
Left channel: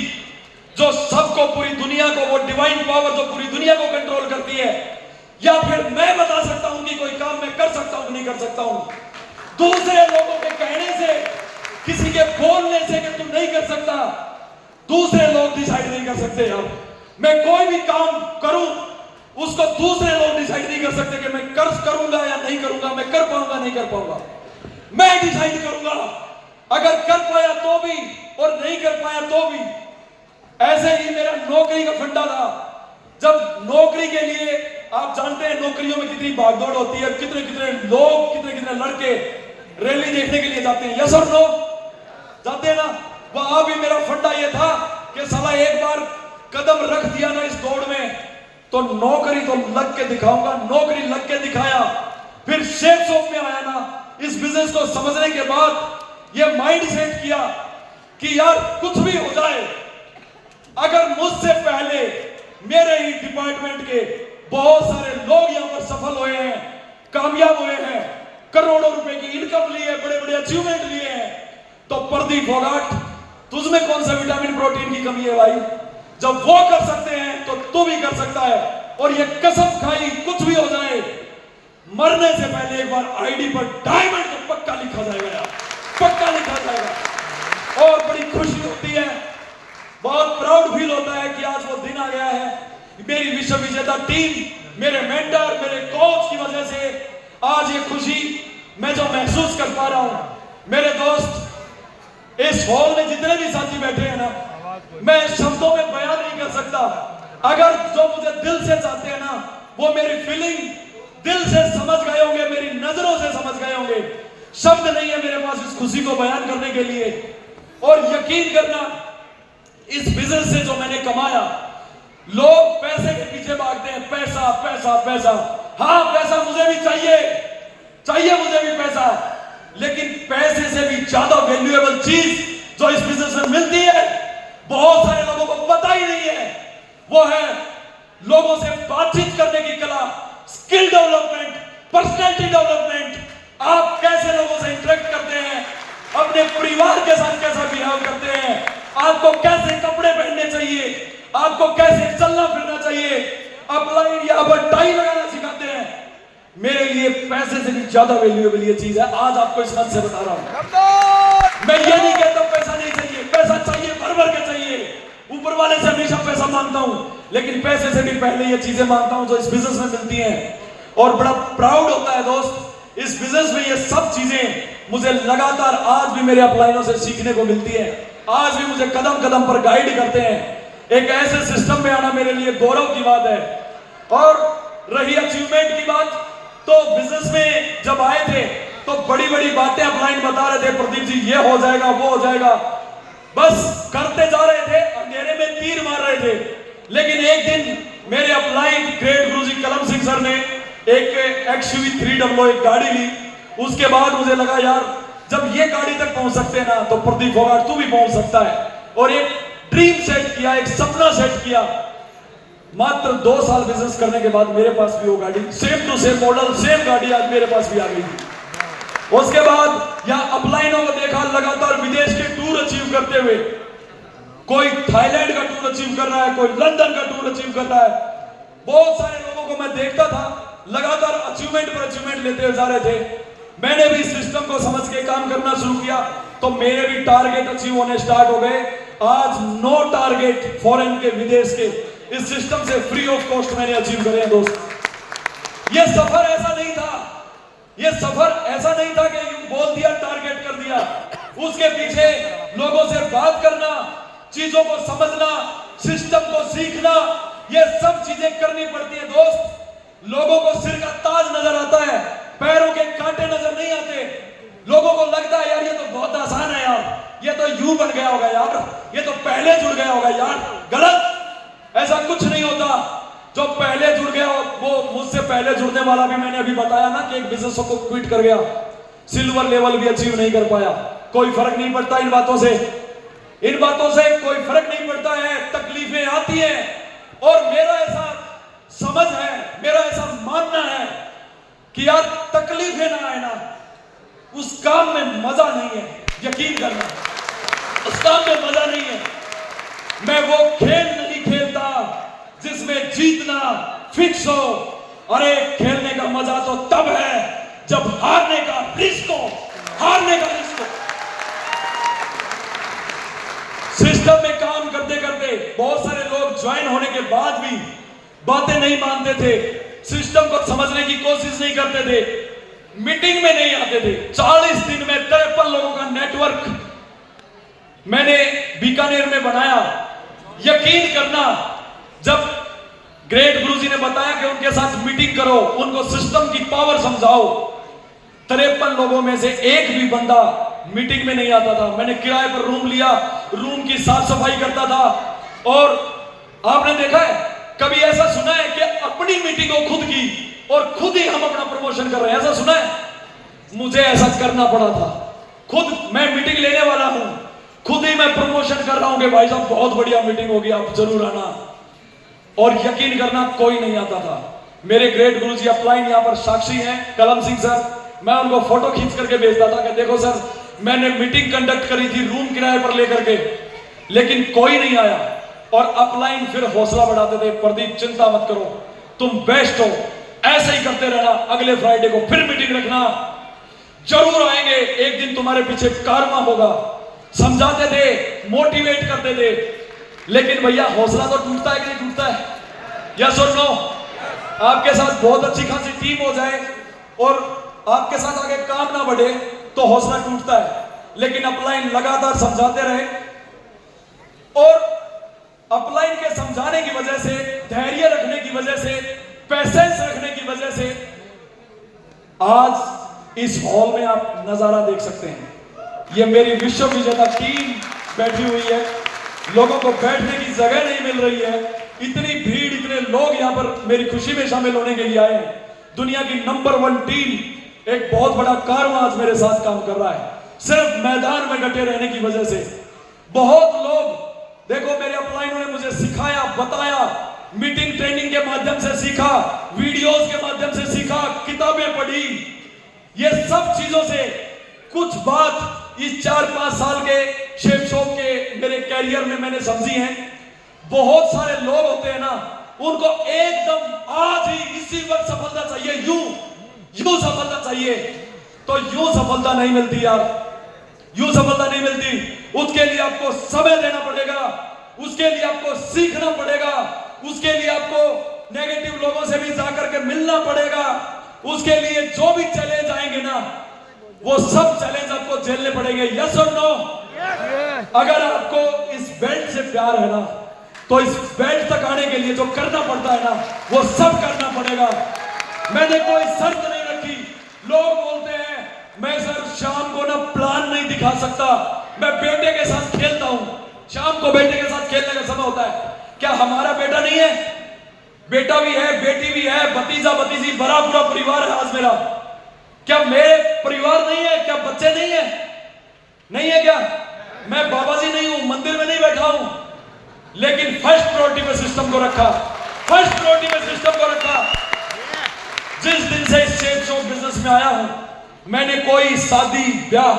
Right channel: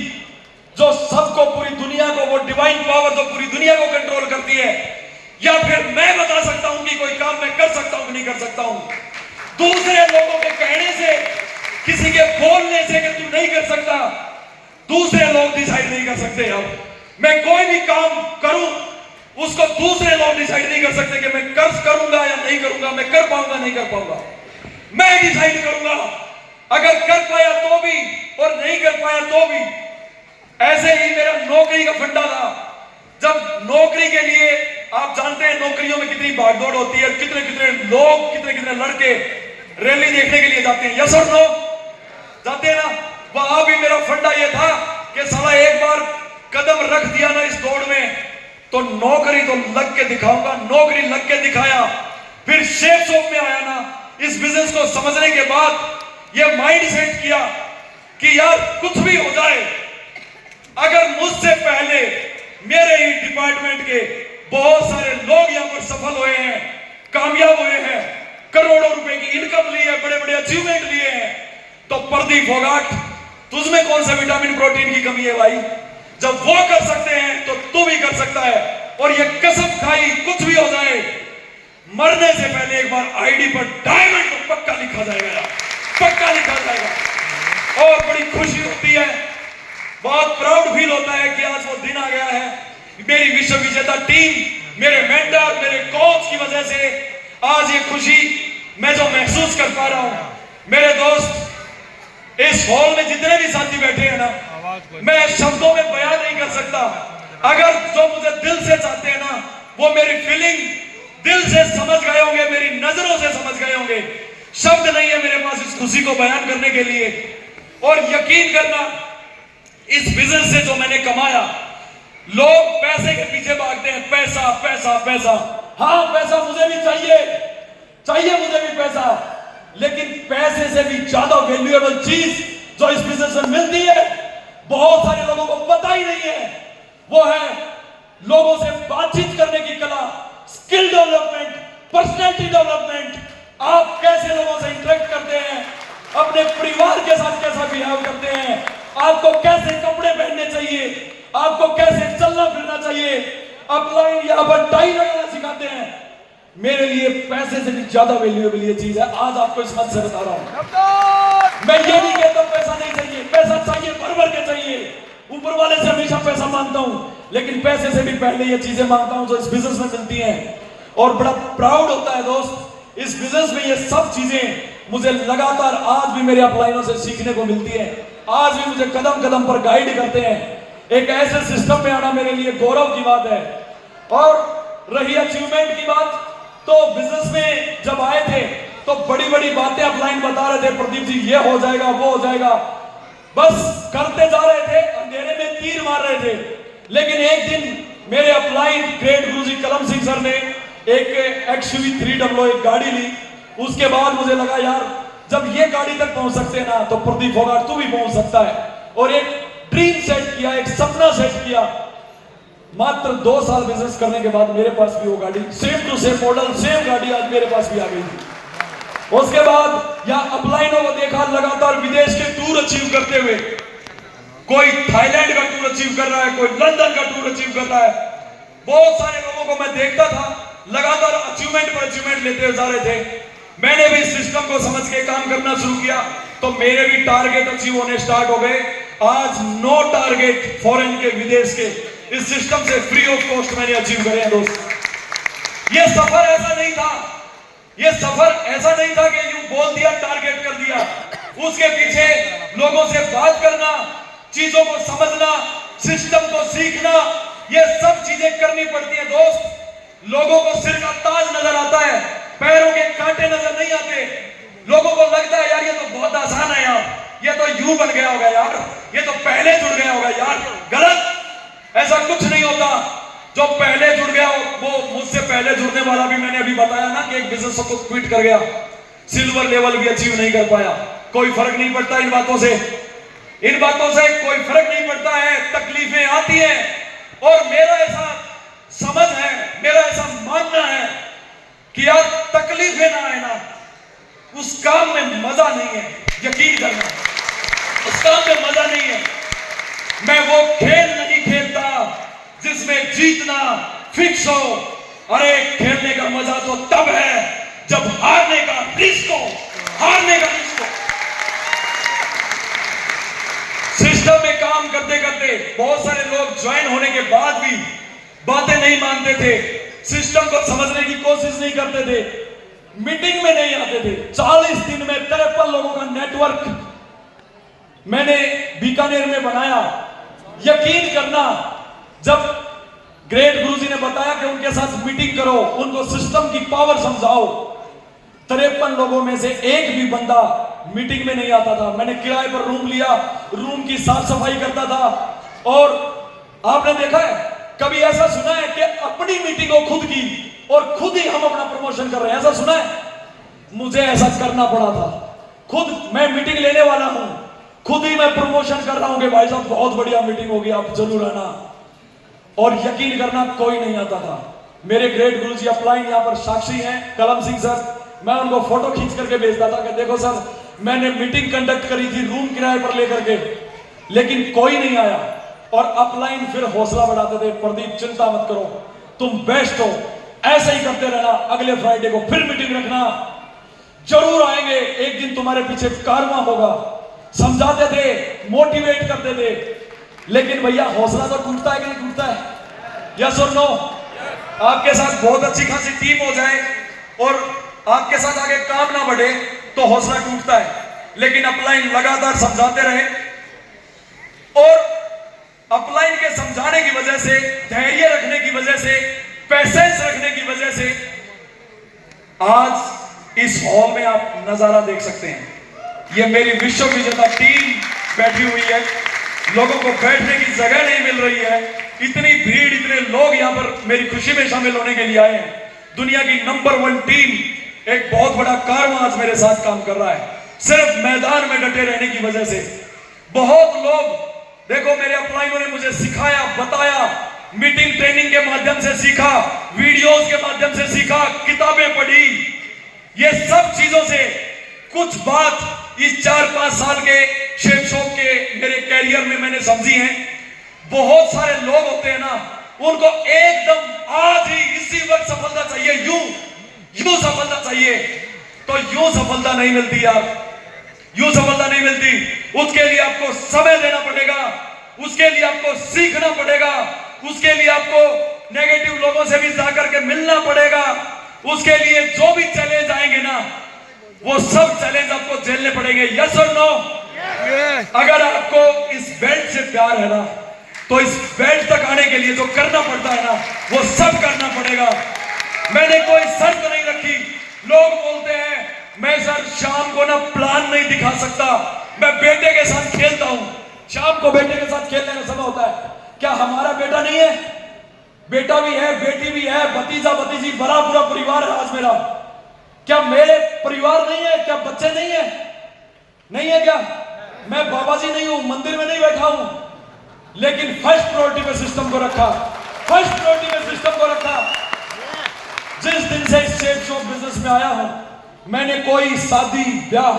जो सबको, पूरी दुनिया को, वो डिवाइन पावर जो पूरी दुनिया को कंट्रोल करती है, या फिर मैं बता सकता हूं कि कोई काम मैं कर सकता हूं कि नहीं कर सकता हूं। दूसरे लोगों के कहने से, किसी के बोलने से कि तू नहीं कर सकता, दूसरे लोग डिसाइड नहीं कर सकते। अब मैं कोई भी काम करूं उसको दूसरे लोग डिसाइड नहीं कर सकते कि मैं करूंगा या नहीं करूंगा, मैं कर पाऊंगा नहीं कर पाऊंगा। मैं डिसाइड करूंगा, अगर कर पाया तो भी और नहीं कर पाया तो भी। ऐसे ही मेरा नौकरी का फंडा था। जब नौकरी के लिए, आप जानते हैं नौकरियों में कितनी भागदौड़ होती है, कितने कितने लोग, कितने कितने लड़के रैली देखने के लिए जाते हैं, यस और नो? जाते हैं ना। वहां भी मेरा फंडा ये था कि साला एक बार कदम रख दिया ना इस दौड़ में तो नौकरी तो लग के दिखाऊंगा। नौकरी लग के दिखाया, फिर शेप शॉप में आया ना। इस बिजनेस को समझने के बाद ये माइंड सेट किया कि यार कुछ भी हो जाए, अगर मुझसे पहले मेरे ही डिपार्टमेंट के बहुत सारे लोग यहां पर सफल हुए हैं, कामयाब हुए हैं, करोड़ों रुपए की इनकम ली है, बड़े बड़े अचीवमेंट लिए हैं, तो प्रदीप फोगाट तुझमें कौन सा विटामिन प्रोटीन की कमी है भाई? जब वो कर सकते हैं तो तू भी कर सकता है। और ये कसम खाई, कुछ भी हो जाए, मरने से पहले एक बार आईडी पर डायमंड तो पक्का लिखा जाएगा यार, पक्का लिखा जाएगा। और बड़ी खुशी होती है, बहुत प्राउड फील होता है कि आज वो दिन आ गया है। मेरी विश्व विजेता टीम, मेरे मेंटर, मेरे कोच की वजह से आज ये खुशी मैं जो महसूस कर पा रहा हूं। मेरे दोस्त, इस हॉल में जितने भी साथी बैठे हैं ना, मैं शब्दों में बयान नहीं कर सकता। अगर जो मुझे दिल से चाहते हैं ना, वो मेरी फीलिंग दिल से समझ गए होंगे, मेरी नजरों से समझ गए होंगे। शब्द नहीं है मेरे पास इस खुशी को बयान करने के लिए। और यकीन करना, इस बिजनेस से जो मैंने कमाया, लोग पैसे के पीछे भागते हैं, पैसा पैसा पैसा। हाँ, पैसा मुझे भी चाहिए मुझे भी पैसा, लेकिन पैसे से भी ज्यादा वैल्यूएबल चीज जो इस बिजनेस में मिलती है, बहुत सारे लोगों को पता ही नहीं है, वो है लोगों से बातचीत करने की कला, स्किल डेवलपमेंट, पर्सनैलिटी डेवलपमेंट। आप कैसे लोगों से इंटरेक्ट करते हैं, अपने परिवार के साथ कैसा बिहेव करते हैं, आपको कैसे कपड़े पहनने चाहिए, आपको कैसे चलना फिरना चाहिए, अपलाइन या टाई लगाना सिखाते हैं। मेरे लिए पैसे से भी ज्यादा वैल्यूएबल ये चीज है। आज आपको इस बात से बता रहा हूं। मैं ये नहीं कहता पैसा नहीं चाहिए, पैसा चाहिए, भर भर के चाहिए। ऊपर वाले से हमेशा पैसा मांगता हूं, लेकिन पैसे से भी पहले ये चीजें मांगता हूं जो इस बिजनेस में मिलती हैं। और बड़ा प्राउड होता है दोस्त, इस बिजनेस में ये सब चीजें मुझे लगातार आज भी मेरे अपलाइनों से सीखने को मिलती है। आज भी मुझे कदम कदम पर गाइड करते हैं। एक ऐसे सिस्टम में आना मेरे लिए गौरव की बात है। और रही अचीवमेंट की बात, तो बिजनेस में जब आए थे तो बड़ी बड़ी बातें अपलाइन बता रहे थे, प्रदीप जी ये हो जाएगा, वो हो जाएगा, बस करते जा रहे थे, अंधेरे में तीर मार रहे थे। लेकिन एक दिन मेरे अपलाइन ग्रेट गुरुजी कलम सिंह सर ने एक XUV 300 एक गाड़ी ली। उसके बाद मुझे लगा यार, जब ये गाड़ी तक पहुंच सकते हैं ना, तो प्रदीप फोगाट तू भी पहुंच सकता है। और एक ड्रीम सेट किया, एक सपना सेट किया। मात्र 2 साल बिजनेस करने के बाद मेरे पास भी वो गाड़ी, same to same model, same गाड़ी आज मेरे पास भी आ गई थी। उसके बाद यहाँ अपलाइनों को देखा लगातार विदेश के टूर अचीव करते हुए। कोई थाईलैंड का टूर अचीव कर रहा है, कोई लंदन का टूर अचीव कर रहा है। बहुत सारे लोगों को मैं देखता था लगातार अचीवमेंट पर अचीवमेंट लेते हुए जा रहे थे। मैंने भी सिस्टम को समझ के काम करना शुरू किया, तो मेरे भी टारगेट अचीव होने स्टार्ट हो गए। आज 9 टारगेट फॉरेन के, विदेश के, इस सिस्टम से फ्री ऑफ कॉस्ट मैंने अचीव करे हैं दोस्त। ये सफर ऐसा नहीं था, ये सफर ऐसा नहीं था कि यूं बोल दिया टारगेट कर दिया। उसके पीछे लोगों से बात करना, चीजों को समझना, सिस्टम को सीखना, ये सब चीजें करनी पड़ती है दोस्त। लोगों को सिर का ताज नजर आता है, पैरों के कांटे नजर नहीं आते। लोगों को लगता है यार ये तो बहुत आसान है यार, ये तो यूं बन गया होगा यार, ये तो पहले जुड़ गया होगा यार। गलत, ऐसा कुछ नहीं होता। जो पहले जुड़ गया वो मुझसे पहले जुड़ने वाला भी, मैंने अभी बताया ना कि एक बिजनेस को क्विट कर गया, सिल्वर लेवल भी अचीव नहीं कर पाया। कोई फर्क नहीं पड़ता इन बातों से, इन बातों से कोई फर्क नहीं पड़ता है। आती है। और मेरा ऐसा समझ है, मेरा ऐसा मानना है कि यार तकलीफें ना आए ना, उस काम में मजा नहीं है। यकीन करना, उस काम में मजा नहीं है। मैं वो खेल नहीं खेलता जिसमें जीतना फिक्स हो। अरे खेलने का मजा तो तब है जब हारने का रिस्क हो, हारने का रिस्क हो। सिस्टम में काम करते करते बहुत सारे लोग ज्वाइन होने के बाद भी बातें नहीं मानते थे, सिस्टम को समझने की कोशिश नहीं करते थे, मीटिंग में नहीं आते थे। 40 दिन में 53 लोगों का नेटवर्क मैंने बीकानेर में बनाया। यकीन करना, जब ग्रेट गुरुजी ने बताया कि उनके साथ मीटिंग करो, उनको सिस्टम की पावर समझाओ, 53 लोगों में से एक भी बंदा मीटिंग में नहीं आता था। मैंने किराए पर रूम लिया, रूम की साफ सफाई करता था। और आपने देखा है, कभी ऐसा सुना है कि अपनी मीटिंग हो खुद की और खुद ही हम अपना प्रमोशन कर रहे हैं? ऐसा सुना है? मुझे ऐसा करना पड़ा था। खुद मैं मीटिंग लेने वाला हूं, खुद ही मैं प्रमोशन कर रहा हूं कि भाई साहब बहुत बढ़िया मीटिंग होगी, आप जरूर आना। और यकीन करना, कोई नहीं आता था। मेरे ग्रेट गुरुजी अपलाइन यहाँ पर साक्षी हैं, कलम सिंह सर, मैं उनको फोटो खींच करके भेजता था कि देखो सर, मैंने मीटिंग कंडक्ट करी थी रूम किराए पर लेकर के, लेकिन कोई नहीं आया। और अपलाइन फिर हौसला बढ़ाते थे, प्रदीप चिंता मत करो, तुम बेस्ट हो, ऐसे ही करते रहना, अगले फ्राइडे को फिर मीटिंग रखना, जरूर आएंगे, एक दिन तुम्हारे पीछे कारवा होगा। समझाते थे, मोटिवेट करते थे। लेकिन भैया हौसला तो टूटता है कि नहीं टूटता है? यस और नो? आपके साथ बहुत अच्छी खासी टीम हो जाए और आपके साथ आगे काम ना बढ़े तो हौसला टूटता है। लेकिन अपलाइन लगातार समझाते रहे और अपलाइन के समझाने की वजह से, धैर्य रखने की वजह से, पेशेंस रखने की वजह से आज इस हॉल में आप नजारा देख सकते हैं। ये मेरी विश्व विजेता टीम बैठी हुई है, लोगों को बैठने की जगह नहीं मिल रही है, इतनी भीड़, इतने लोग यहां पर मेरी खुशी में शामिल होने के लिए आए हैं। दुनिया की नंबर 1 टीम, एक बहुत बड़ा कारवां आज मेरे साथ काम कर रहा है, सिर्फ मैदान में डटे रहने की वजह से। बहुत लोग देखो, मेरे अपलाइनों ने मुझे सिखाया, बताया, मीटिंग ट्रेनिंग के माध्यम से सीखा, वीडियोस के माध्यम से सीखा, किताबें पढ़ी। ये सब चीजों से कुछ बात इस 4-5 साल के शेप शॉप के मेरे कैरियर में मैंने समझी है। बहुत सारे लोग होते हैं ना, उनको एकदम आज ही इसी वक्त सफलता चाहिए, यूं सफलता चाहिए, तो यूं सफलता नहीं मिलती यार, यूं सफलता नहीं मिलती। उसके लिए आपको समय देना पड़ेगा, उसके लिए आपको सीखना पड़ेगा, उसके लिए आपको नेगेटिव लोगों से भी जाकर के मिलना पड़ेगा। उसके लिए जो भी चैलेंज आएंगे ना, वो सब चैलेंज आपको झेलने पड़ेंगे। यस और नो? अगर आपको इस बेल्ट से प्यार है ना, तो इस बेल्ट तक आने के लिए जो करना पड़ता है ना, वो सब करना पड़ेगा। मैंने कोई शर्त नहीं रखी। लोग बोलते हैं मैं सर शाम को ना प्लान नहीं दिखा सकता, मैं बेटे के साथ खेलता हूं। शाम को बेटे के साथ खेलने का समय होता है। क्या हमारा बेटा नहीं है? बेटा भी है, बेटी भी है, भतीजा भतीजी, बड़ा पूरा परिवार है आज मेरा। क्या मेरे परिवार नहीं है? क्या बच्चे नहीं है? नहीं है क्या? मैं बाबा जी नहीं हूं, मंदिर में नहीं बैठा हूं, लेकिन फर्स्ट प्रायोरिटी में सिस्टम को रखा, फर्स्ट प्रायोरिटी में सिस्टम को रखा। जिस दिन से इस शेप शॉप बिजनेस में आया हूं, मैंने कोई शादी ब्याह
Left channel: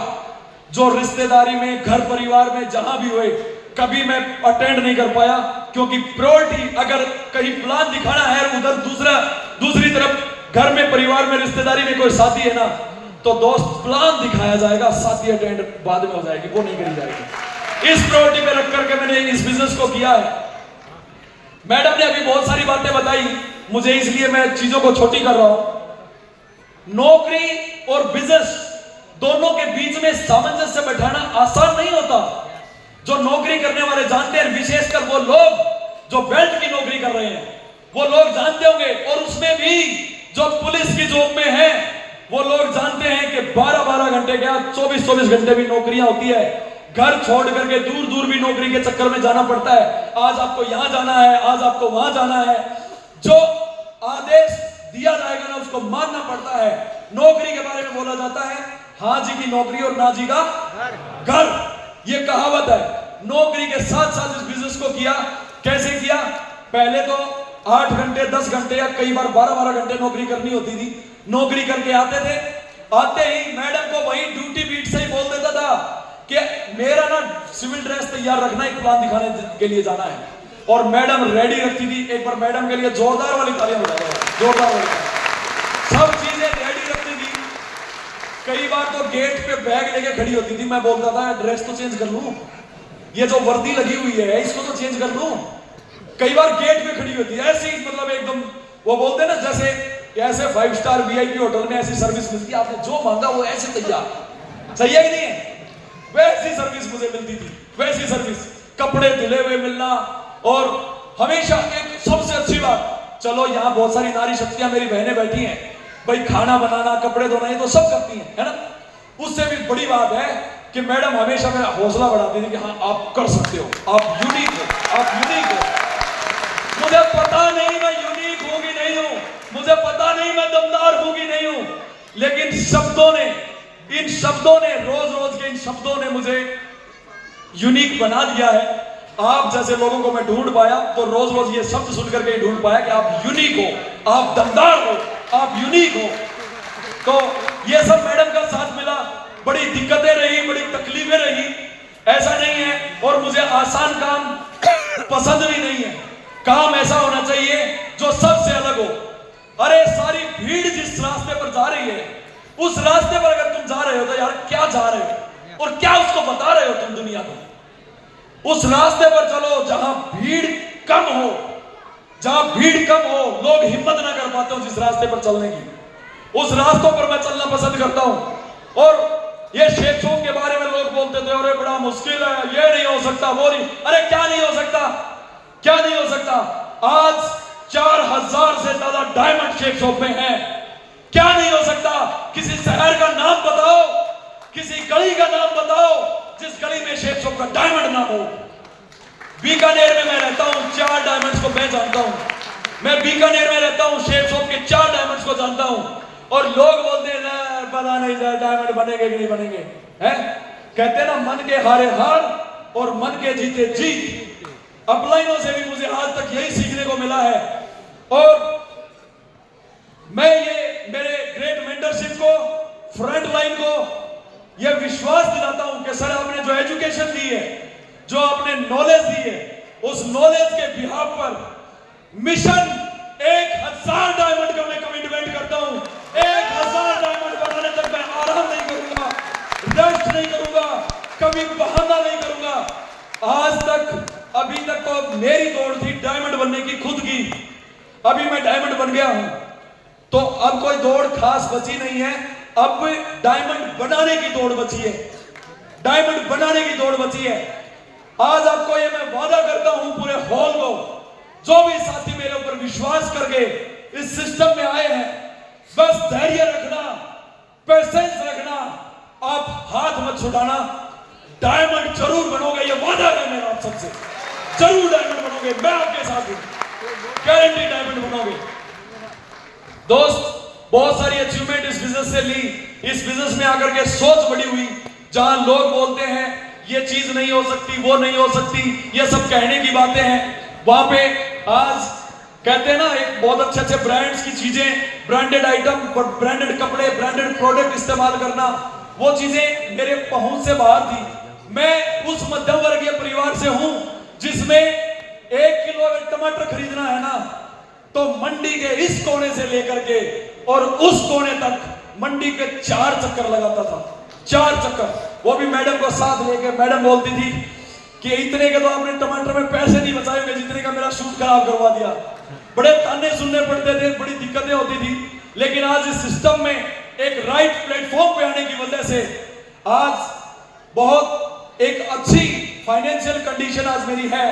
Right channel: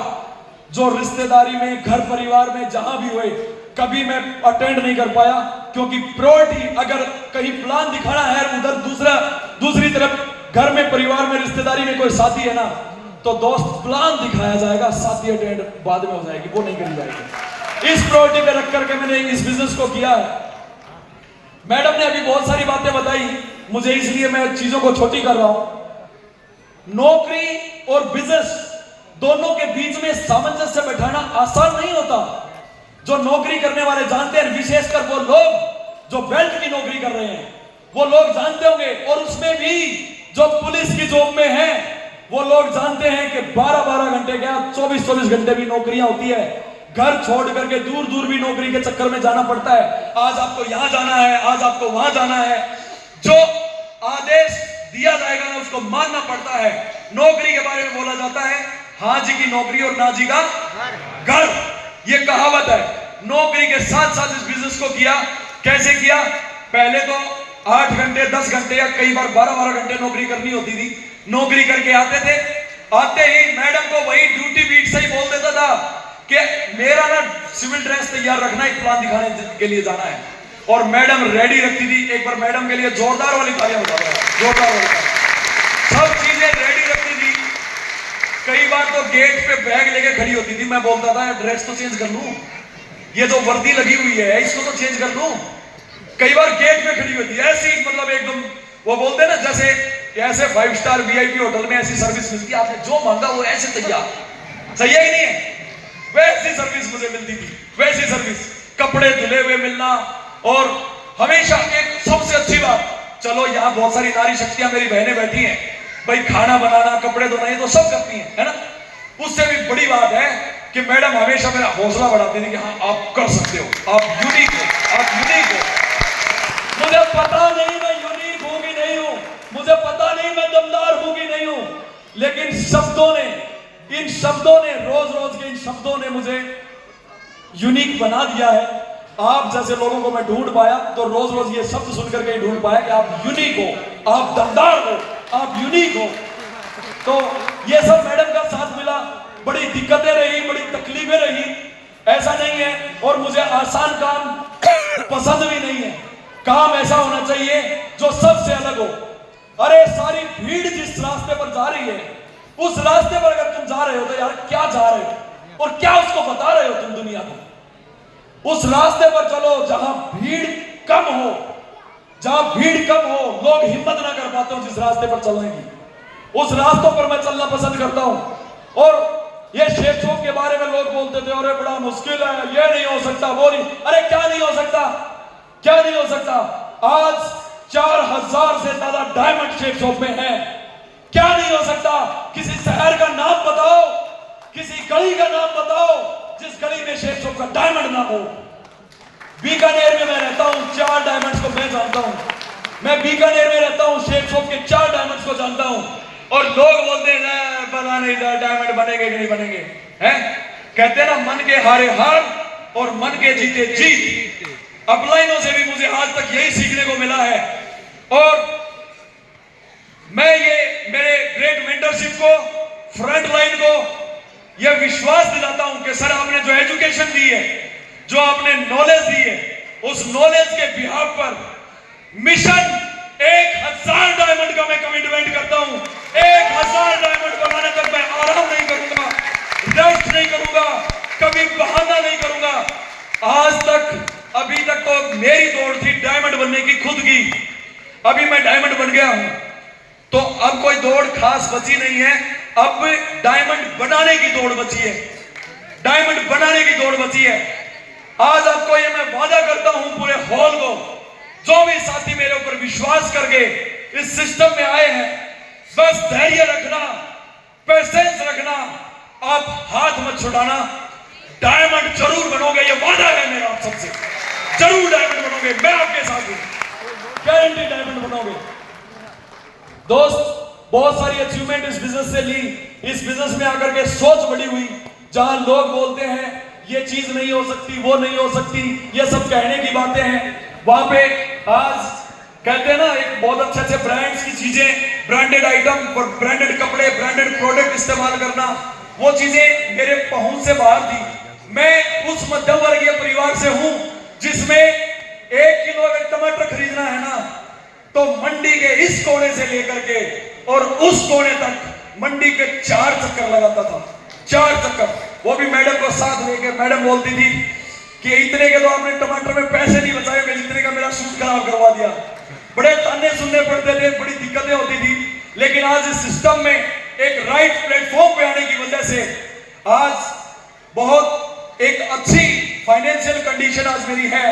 जो रिश्तेदारी में, घर परिवार में जहां भी हुए, कभी मैं अटेंड नहीं कर पाया, क्योंकि प्रायोरिटी अगर कहीं प्लान दिखाना है, उधर दूसरी तरफ घर में, परिवार में, रिश्तेदारी में कोई शादी है ना, तो दोस्त प्लान दिखाया जाएगा, शादी अटेंड बाद में हो जाएगी, वो नहीं करी जाएगी। इस प्रायोरिटी पे रख करके मैंने इस बिजनेस को किया है। मैडम ने अभी बहुत सारी बातें बताई मुझे, इसलिए मैं चीजों को छोटी कर रहा हूं। नौकरी और बिजनेस दोनों के बीच में सामंजस्य बैठाना आसान नहीं होता। जो नौकरी करने वाले जानते हैं, विशेषकर वो लोग जो बेल्ट की नौकरी कर रहे हैं, वो लोग जानते होंगे, और उसमें भी जो पुलिस की जॉब में है, वो लोग जानते हैं कि 12-12 घंटे क्या 24-24 घंटे भी नौकरियां होती है। घर छोड़ करके दूर दूर भी नौकरी के चक्कर में जाना पड़ता है। आज आपको यहां जाना है, आज आपको वहां जाना है, जो आदेश दिया जाएगा ना उसको मानना पड़ता है। नौकरी के बारे में बोला जाता है, हाँ जी की नौकरी और ना जी का घर, ये कहावत है। नौकरी के साथ साथ इस बिजनेस को किया कैसे किया? पहले तो 8 घंटे 10 घंटे या कई बार 12-12 घंटे नौकरी करनी होती थी। नौकरी करके आते थे, आते ही मैडम को वही ड्यूटी बीट से ही बोल देता था कि मेरा ना सिविल ड्रेस तैयार रखना, एक प्लान दिखाने के लिए जाना है। और मैडम रेडी रखती थी। एक बार मैडम के लिए जोरदार वाली तालियां बजा दो, जोरदार वाली तालियां। सब चीजें रेडी रखती थी। कई बार तो गेट पे बैग लेके खड़ी होती थी। मैं बोलता था ड्रेस तो चेंज कर लूं, ये जो वर्दी लगी हुई है इसको तो चेंज कर लूं। कई बार गेट पे खड़ी होती है ऐसी, मतलब एकदम वो बोलते हैं ना जैसे ऐसे 5 स्टार VIP होटल में ऐसी सर्विस मिलती है, आपने जो मांगा वो ऐसे तैयार। सही है कि नहीं है? वैसी सर्विस मुझे मिलती थी, वैसी सर्विस, कपड़े धुले हुए मिलना। और हमेशा एक सबसे अच्छी बात, चलो यहाँ बहुत सारी नारी शक्तियां मेरी बहनें बैठी हैं भाई, खाना बनाना कपड़े धोना ये तो सब करती हैं, है ना। उससे भी बड़ी बात है कि मैडम हमेशा मेरा हौसला बढ़ाती थी कि हाँ आप कर सकते हो, आप यूनिक हो, आप यूनिक हो। मुझे पता नहीं मैं यूनिक हूं कि नहीं हूं, मुझे पता नहीं मैं दमदार हूं कि नहीं हूं, लेकिन शब्दों ने, इन शब्दों ने, रोज रोज के इन शब्दों ने मुझे यूनिक बना दिया है। आप जैसे लोगों को मैं ढूंढ पाया तो रोज रोज ये शब्द सुनकर के ढूंढ पाया कि आप यूनिक हो, आप दमदार हो, आप यूनिक हो। तो ये सब मैडम का साथ मिला। बड़ी दिक्कतें रही, बड़ी तकलीफें रही, ऐसा नहीं है। और मुझे आसान काम पसंद भी नहीं है। काम ऐसा होना चाहिए जो सबसे अलग हो। अरे सारी भीड़ जिस रास्ते पर जा रही है, उस रास्ते पर अगर तुम जा रहे हो तो यार क्या जा रहे हो और क्या उसको बता रहे हो तुम दुनिया को? उस रास्ते पर चलो जहां भीड़ कम हो, जहां भीड़ कम हो, लोग हिम्मत ना कर पाते हो जिस रास्ते पर चलने की, उस रास्तों पर मैं चलना पसंद करता हूं। और ये शेख चौक के बारे में लोग बोलते थे अरे बड़ा मुश्किल है, ये नहीं हो सकता, वो नहीं। अरे क्या नहीं हो सकता, क्या नहीं हो सकता? आज 4000 से ज्यादा डायमंड शेख चौक में है। क्या नहीं हो सकता? किसी शहर का नाम बताओ, किसी गली का नाम बताओ जिस गली में शेख चौक का डायमंड ना हो। बीकानेर में मैं रहता हूं, 4 डायमंड्स को मैं जानता हूं। मैं बीकानेर में रहता हूं, शेख चौक के 4 डायमंड्स को जानता हूं। और लोग बोलते हैं पता नहीं डायमंड बनेंगे कि नहीं बनेंगे, हैं? कहते ना मन के हारे हार और मन के जीते जीत। अपलाइनों से भी मुझे आज तक यही सीखने को मिला है। और मैं ये मेरे ग्रेट मेंटरशिप को, फ्रंट लाइन को यह विश्वास दिलाता हूं कि सर आपने जो एजुकेशन दी है, जो आपने नॉलेज दी है, उस नॉलेज के बिहाफ पर मिशन 1000 डायमंड का मैं कमिटमेंट करता हूं। 1000 डायमंड बनाने तक मैं आराम नहीं करूंगा, रेस्ट नहीं करूंगा, कभी बहाना नहीं करूंगा। आज तक, अभी तक तो मेरी दौड़ थी डायमंड बनने की खुद की, अभी मैं डायमंड बन गया हूं तो अब कोई दौड़ खास बची नहीं है। अब डायमंड बनाने की दौड़ बची है, डायमंड बनाने की दौड़ बची है। आज आपको ये मैं वादा करता हूं पूरे हॉल को, जो भी साथी मेरे ऊपर विश्वास करके इस सिस्टम में आए हैं, बस धैर्य रखना, पेशेंस रखना, आप हाथ मत छुड़ाना। डायमंड जरूर बनोगे, ये वादा है मेरा आप सबसे, जरूर डायमंड बनोगे। मैं आपके साथ हूं, गारंटी डायमंड बनोगे। दोस्त, बहुत सारी अचीवमेंट इस बिजनेस से ली। इस बिजनेस में आकर के सोच बड़ी हुई। जहां लोग बोलते हैं ये चीज नहीं हो सकती, वो नहीं हो सकती, ये सब कहने की बातें हैं, वहां पे आज कहते हैं ना एक बहुत अच्छे अच्छे ब्रांड्स की चीजें, ब्रांडेड आइटम, ब्रांडेड कपड़े, ब्रांडेड प्रोडक्ट इस्तेमाल करना, वो चीजें मेरे पहुंच से बाहर थी। मैं उस मध्यम वर्गीय परिवार से हूं जिसमें 1 किलो अगर टमाटर खरीदना है ना तो मंडी के इस कोने से लेकर के और उस कोने तक मंडी के 4 चक्कर लगाता था, 4 चक्कर, वो भी मैडम को साथ लेकर। मैडम बोलती थी कि इतने के तो आपने टमाटर में पैसे नहीं बचाए होंगे जितने का मेरा सूट खराब करवा दिया। बड़े ताने सुनने पड़ते थे, बड़ी दिक्कतें होती थी, लेकिन आज इस सिस्टम में एक राइट प्लेटफॉर्म पे आने की वजह से आज बहुत एक अच्छी फाइनेंशियल कंडीशन आज मेरी है।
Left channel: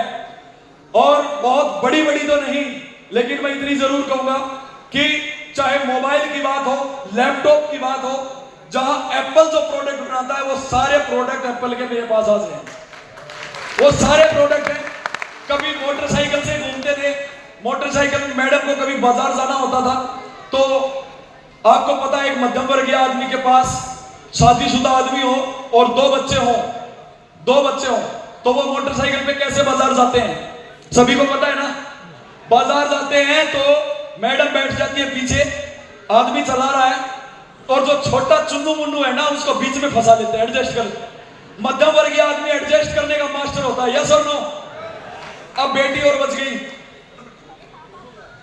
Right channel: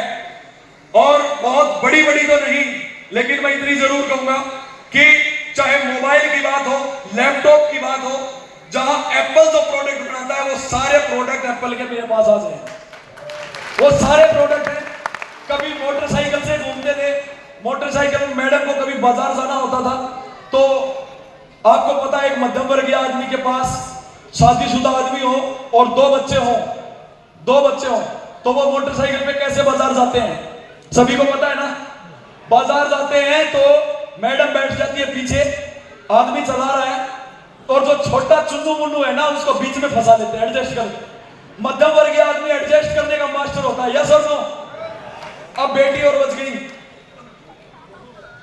और बहुत बड़ी बड़ी तो नहीं, लेकिन मैं इतनी जरूर कहूंगा कि चाहे मोबाइल की बात हो, लैपटॉप की बात हो, जहां एप्पल जो प्रोडक्ट बनाता है वो सारे प्रोडक्ट एप्पल के मेरे पास आ जाए, वो सारे प्रोडक्ट हैं। कभी मोटरसाइकिल से घूमते थे, मोटरसाइकिल में मैडम को कभी बाजार जाना होता था तो आपको पता है एक मध्यम वर्गीय आदमी के पास शादीशुदा आदमी हो और 2 बच्चे हो तो वो मोटरसाइकिल पे कैसे बाजार जाते हैं? सभी को पता है ना। बाजार जाते हैं तो मैडम बैठ जाती है पीछे, आदमी चला रहा है और जो छोटा चुन्नू मुन्नू है ना उसको बीच में फंसा लेते हैं, एडजस्ट कर। मध्यम वर्गीय आदमी एडजस्ट करने का मास्टर होता है, यस और नो। अब बेटी और बच गई,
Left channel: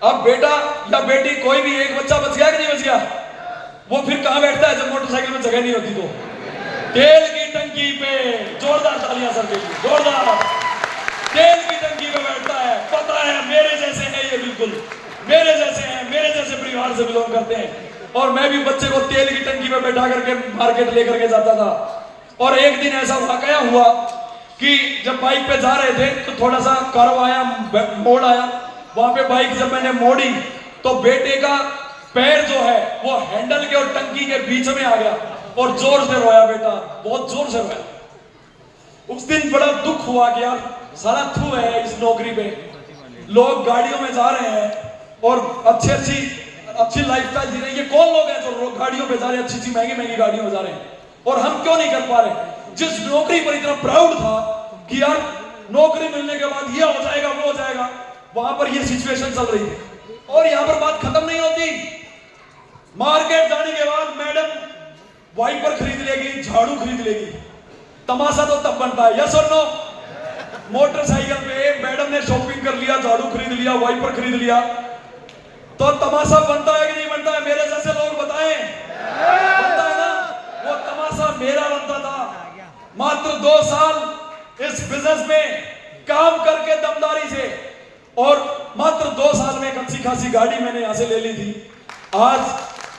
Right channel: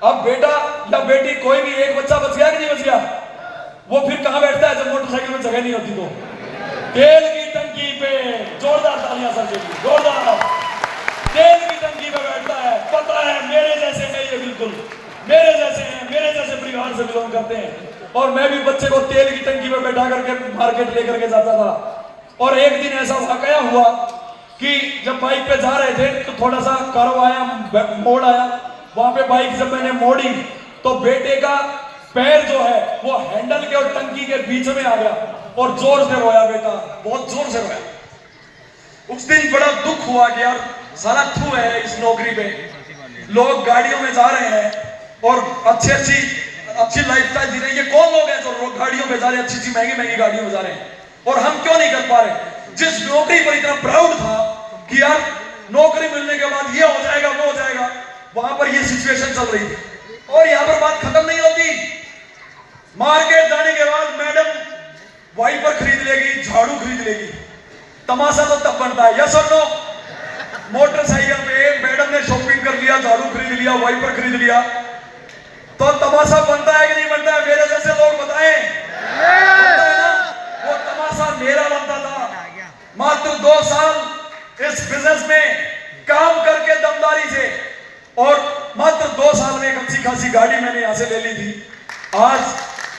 अब बेटा या बेटी कोई भी एक बच्चा बच गया कि नहीं बच गया, वो फिर कहां बैठता है जब मोटरसाइकिल में जगह नहीं होती तो? तेल की टंकी पे। जोरदार तालियां सर के लिए, जोरदार। तेल की टंकी पे बैठता है, पता है मेरे जैसे नहीं है, बिल्कुल मेरे जैसे हैं, मेरे जैसे परिवार से बिलोंग करते हैं। और मैं भी बच्चे को तेल की टंकी पे बैठा करके मार्केट लेकर के जाता था। और एक दिन ऐसा वाकया हुआ कि जब बाइक पे जा रहे थे तो थोड़ा सा कर्व आया, मोड़ आया, वहां पे बाइक जब मैंने मोड़ी तो बेटे का पैर जो है वो हैंडल के और टंकी के बीच में आ गया और जोर से रोया बेटा, बहुत जोर से रोया। उस दिन बड़ा दुख हुआ कि यार सारा थू है इस नौकरी पे, लोग गाड़ियों में जा रहे हैं और अच्छी लाइफस्टाइल जी रहे हैं। ये कौन लोग हैं जो गाड़ियों पे जा रहे हैं, अच्छी महंगी गाड़ियों में जा रहे हैं, और हम क्यों नहीं कर पा रहे? जिस नौकरी पर इतना प्राउड था कि यार नौकरी मिलने के बाद ये हो जाएगा वो हो जाएगा, वहां पर ये सिचुएशन चल रही थी। और यहां पर बात खत्म नहीं होती। मार्केट जाने के बाद मैडम वाइपर खरीद लेगी, झाड़ू खरीद लेगी, तमाशा तो तब बनता है, यस और नो। मोटरसाइकिल पे मैडम ने शॉपिंग कर लिया, झाड़ू खरीद लिया, वाइपर खरीद लिया, तो तमाशा बनता है कि नहीं बनता है? मेरे जैसे लोग बताएं, बनता है ना? वो तमाशा मेरा बनता था। मात्र 2 साल इस बिजनेस में काम करके दमदारी से, और मात्र 2 साल में एक अच्छी खासी गाड़ी मैंने यहां से ले ली थी। आज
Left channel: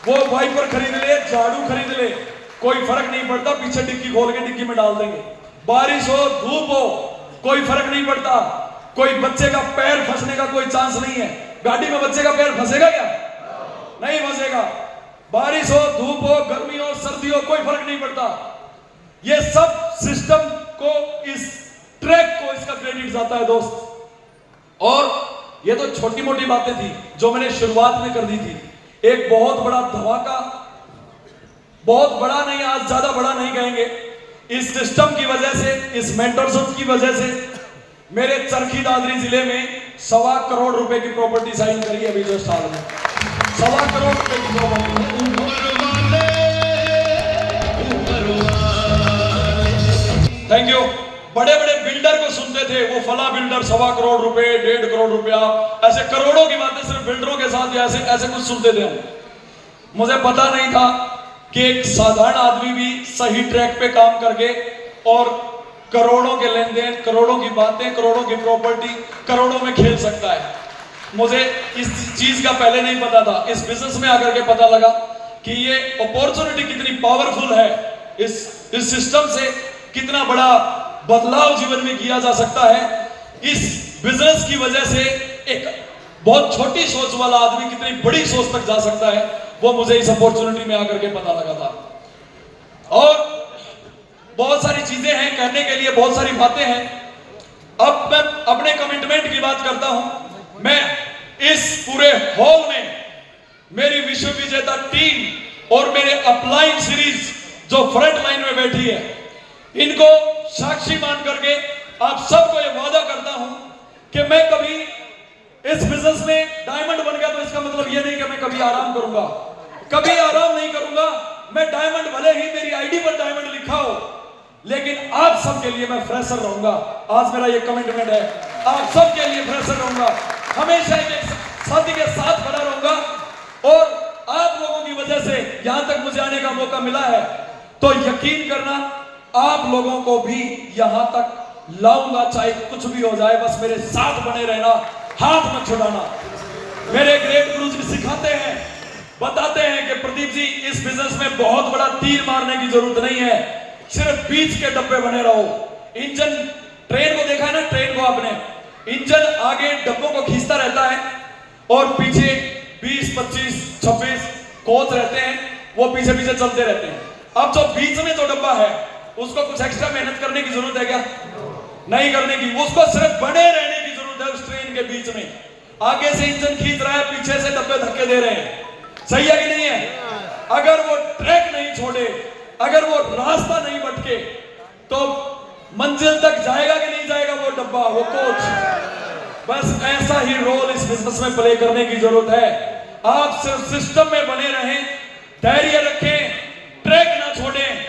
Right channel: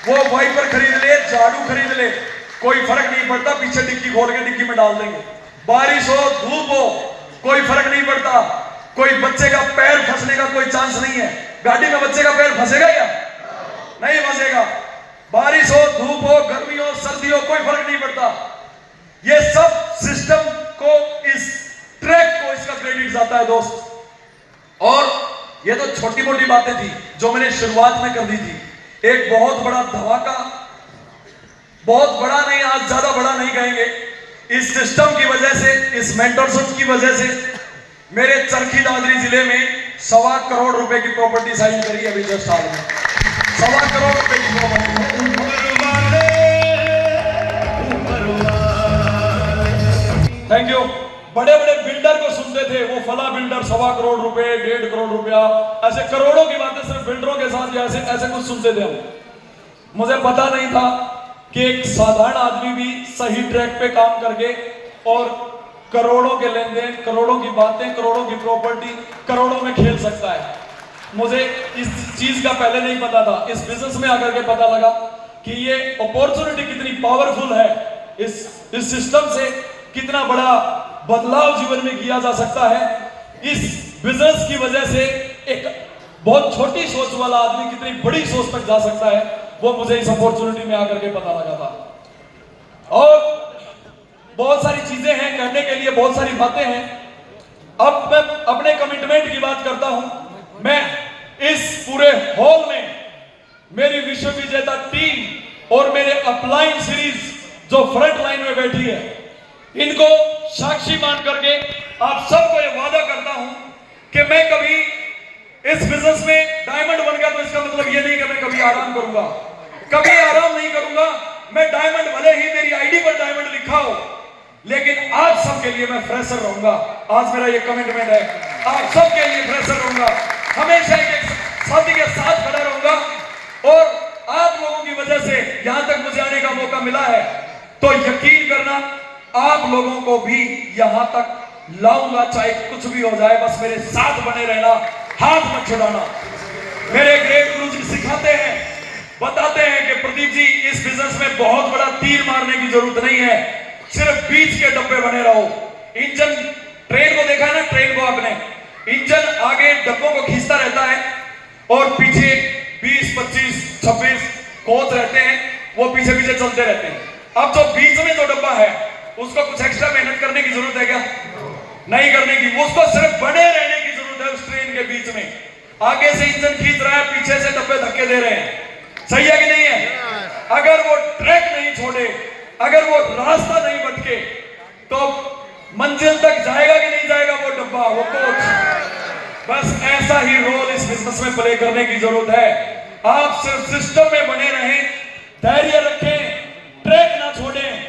वो वाइपर खरीद ले, झाड़ू खरीद ले, कोई फर्क नहीं पड़ता, पीछे डिक्की खोल के डिक्की में डाल देंगे। बारिश हो धूप हो कोई फर्क नहीं पड़ता, कोई बच्चे का पैर फंसने का कोई चांस नहीं है। गाड़ी में बच्चे का पैर फंसेगा क्या? नहीं फंसेगा। बारिश हो धूप हो गर्मी हो सर्दी हो कोई फर्क नहीं पड़ता। ये सब सिस्टम को, इस ट्रैक को, इसका क्रेडिट जाता है दोस्त। और ये तो छोटी मोटी बातें थी जो मैंने शुरुआत में कर दी थी। एक बहुत बड़ा धमाका, बहुत बड़ा नहीं, आज ज्यादा बड़ा नहीं कहेंगे, इस सिस्टम की वजह से, इस मेंटरशिप की वजह से मेरे चरखी दादरी जिले में 1.25 करोड़ रुपए की प्रॉपर्टी साइन करी अभी जस्ट हाल में। 1.25 करोड़ रुपए की प्रॉपर्टी। Thank you. बड़े बड़े बिल्डर को सुनते थे, वो फला बिल्डर 1.25 करोड़ रुपए, 1.5 करोड़ रुपया, ऐसे करोड़ों की बातें सिर्फ बिल्डरों के साथ ऐसे कुछ सुनते थे हम। मुझे पता नहीं था कि एक साधारण आदमी भी सही ट्रैक पे काम करके और करोड़ों के लेन देन, करोड़ों की बातें, करोड़ों की प्रॉपर्टी, करोड़ों में खेल सकता है। मुझे इस चीज का पहले नहीं पता था। इस बिजनेस में आकर के पता लगा कि ये अपॉर्चुनिटी कितनी पावरफुल है, इस सिस्टम से कितना बड़ा बदलाव जीवन में किया जा सकता है। इस बिजनेस की वजह से एक बहुत छोटी सोच वाला आदमी कितनी बड़ी सोच तक जा सकता है, वो मुझे इस अपॉर्चुनिटी में आकर के पता लगा था। और बहुत सारी चीजें हैं कहने के लिए, बहुत सारी बातें हैं। अब मैं अपने कमिटमेंट की बात करता हूं। मैं इस पूरे हॉल में मेरी विश्व विजेता टीम और मेरे अपलाइन सीरीज जो फ्रंट लाइन में बैठी है, इनको साक्षी मान करके आप सबको यह वादा करता हूं कि मैं कभी इस बिजनेस में डायमंड बन गया तो इसका मतलब यह नहीं कि मैं कभी आराम करूंगा, कभी आराम नहीं करूंगा। मैं डायमंड, भले ही मेरी आईडी पर डायमंड लिखा हो, लेकिन आप सबके लिए मैं फ्रेशर रहूंगा। आज मेरा ये कमिटमेंट है, आप सबके लिए फ्रेशर रहूंगा, हमेशा एक साथी के साथ खड़ा रहूंगा। और आप लोगों की वजह से यहां तक मुझे आने का मौका मिला है, तो यकीन करना आप लोगों को भी यहां तक लाऊंगा, चाहे कुछ भी हो जाए। बस मेरे साथ बने रहना, हाथ मत छुड़ाना। मेरे ग्रेट गुरु जी सिखाते हैं, बताते हैं कि प्रदीप जी, इस बिजनेस में बहुत बड़ा तीर मारने की जरूरत नहीं है, सिर्फ बीच के डब्बे बने रहो। इंजन, ट्रेन को देखा है ना, ट्रेन को आपने, इंजन आगे डब्बों को खींचता रहता है और पीछे 20, 25, 26 कोच रहते हैं, वो पीछे पीछे चलते रहते हैं। अब जो बीच में जो डब्बा है उसको कुछ एक्स्ट्रा मेहनत करने की जरूरत है क्या? नहीं करने की, उसको सिर्फ बने रहने की जरूरत है। उस ट्रेन के बीच में आगे से इंजन खींच रहा है, पीछे से डब्बे धक्के दे रहे हैं, सही है कि नहीं है? अगर वो ट्रैक नहीं छोड़े, अगर वो रास्ता नहीं भटके, तो मंजिल तक जाएगा कि नहीं जाएगा वो डब्बा, वो कोच? बस ऐसा ही रोल इस बिजनेस में प्ले करने की जरूरत है। आप सिर्फ सिस्टम में बने रहें, धैर्य रखें, ट्रैक ना छोड़ें,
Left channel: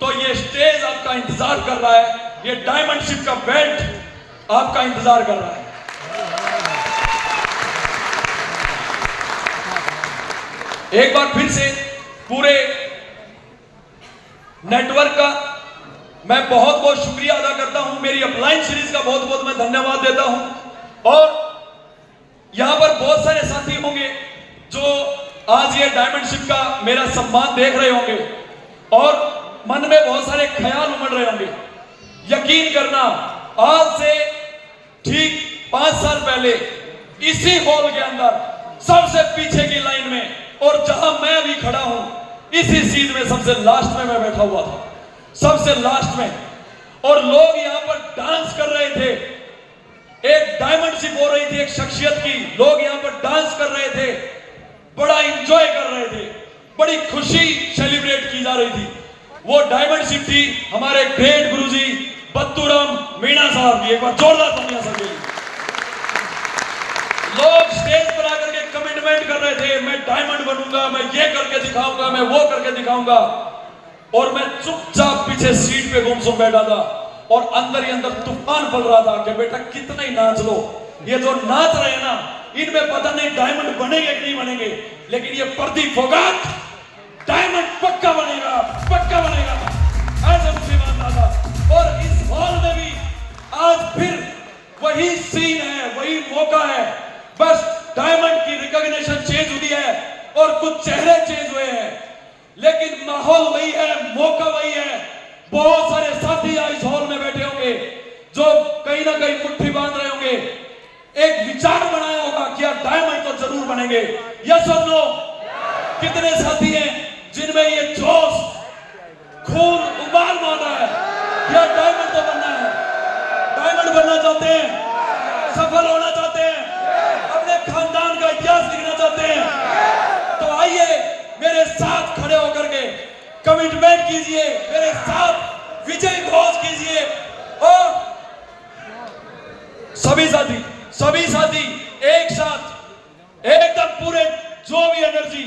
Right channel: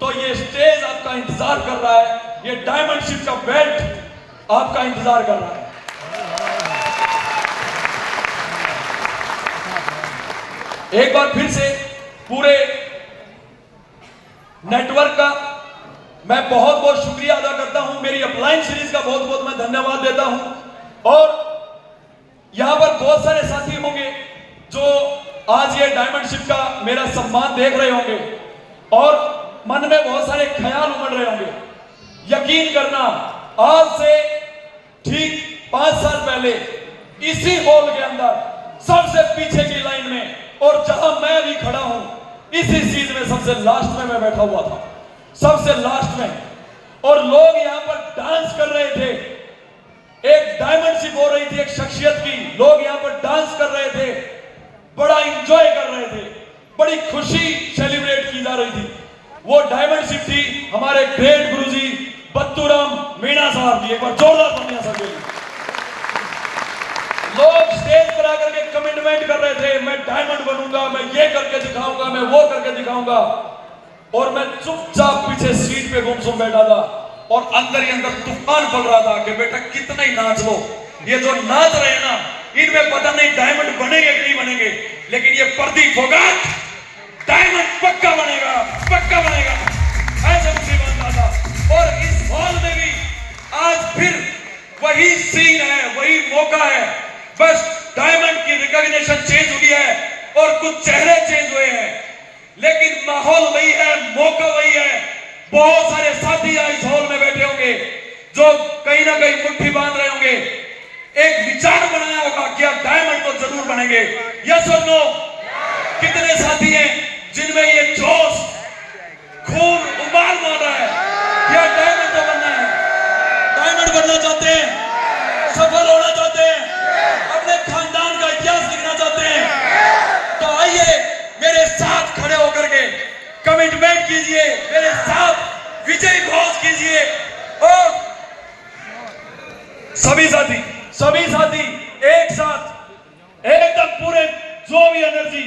तो ये स्टेज आपका इंतजार कर रहा है, ये डायमंडशिप का बेल्ट आपका इंतजार कर रहा है। एक बार फिर से पूरे नेटवर्क का मैं बहुत बहुत शुक्रिया अदा करता हूं। मेरी अपलाइन सीरीज का बहुत बहुत मैं धन्यवाद देता हूं। और यहां पर बहुत सारे साथी होंगे जो आज ये डायमंडशिप का मेरा सम्मान देख रहे होंगे और मन में बहुत सारे ख्याल उमड़ रहे होंगे। यकीन करना, आज से ठीक 5 साल पहले इसी हॉल के अंदर सबसे पीछे की लाइन में, और जहां मैं भी खड़ा हूं, इसी सीट में सबसे लास्ट में मैं बैठा हुआ था, सबसे लास्ट में, और लोग यहां पर डांस कर रहे थे। एक डायमंडशिप हो रही थी एक शख्सियत की, लोग यहां पर डांस कर रहे थे, बड़ा एंजॉय कर रहे थे, बड़ी खुशी सेलिब्रेट की जा रही थी। वो डायमंडशिप थी हमारे ग्रेट गुरुजी बत्तूराम मीणा साहब की। एक बार जोरदार तालियां सब के लिए। लोग स्टेज पर आकर के कमिटमेंट कर रहे थे, मैं डायमंड बनूंगा, मैं ये करके दिखाऊंगा, मैं वो करके दिखाऊंगा, और मैं चुपचाप पीछे सीट पे गुमसुम बैठा था और अंदर ही अंदर तूफान पड़ रहा था कि बेटा कितना ही नाच लो, ये जो नाच रहे हैं ना, इनमें पता नहीं डायमंड बनेंगे कि नहीं बनेंगे, लेकिन ये प्रदीप फोगाट डायमंड पक्का बनेगा, पक्का बनेगा, ऐसा मुझे मानता था। और इस हॉल में भी आज फिर वही सीन है, वही मौका है, बस डायमंड की रिकॉग्निशन चेंज हुई है और कुछ चेहरे चेंज हुए हैं, लेकिन माहौल वही है, मौका वही है। बहुत सारे साथी इस हॉल में बैठे होंगे जो कहीं ना कहीं मुट्ठी बांध रहे होंगे, एक विचार बनाया होगा कि यार डायमंड तो जरूर बनेंगे। यस और नो? कितने साथी हैं जिनमें ये जोश, खून उबाल मार रहा है कि यार डायमंड तो बनना है, डायमंड करना चाहते हैं, सफल होना चाहते हैं, अपने खानदान का इतिहास लिखना चाहते हैं? तो आइए मेरे साथ खड़े होकर के कमिटमेंट कीजिए, मेरे साथ विजय घोष कीजिए। और सभी साथी एक साथ एकदम पूरे जो भी एनर्जी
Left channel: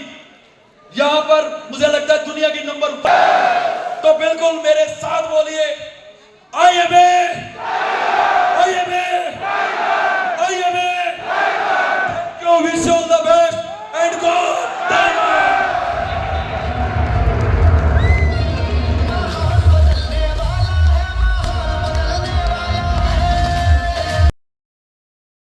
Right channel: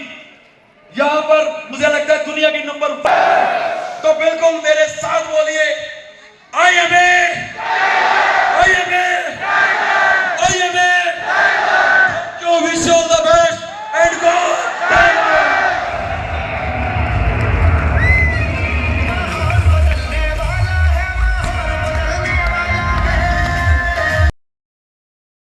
यहां पर मुझे लगता है दुनिया की नंबर, तो बिल्कुल मेरे साथ बोलिए, आई एम ए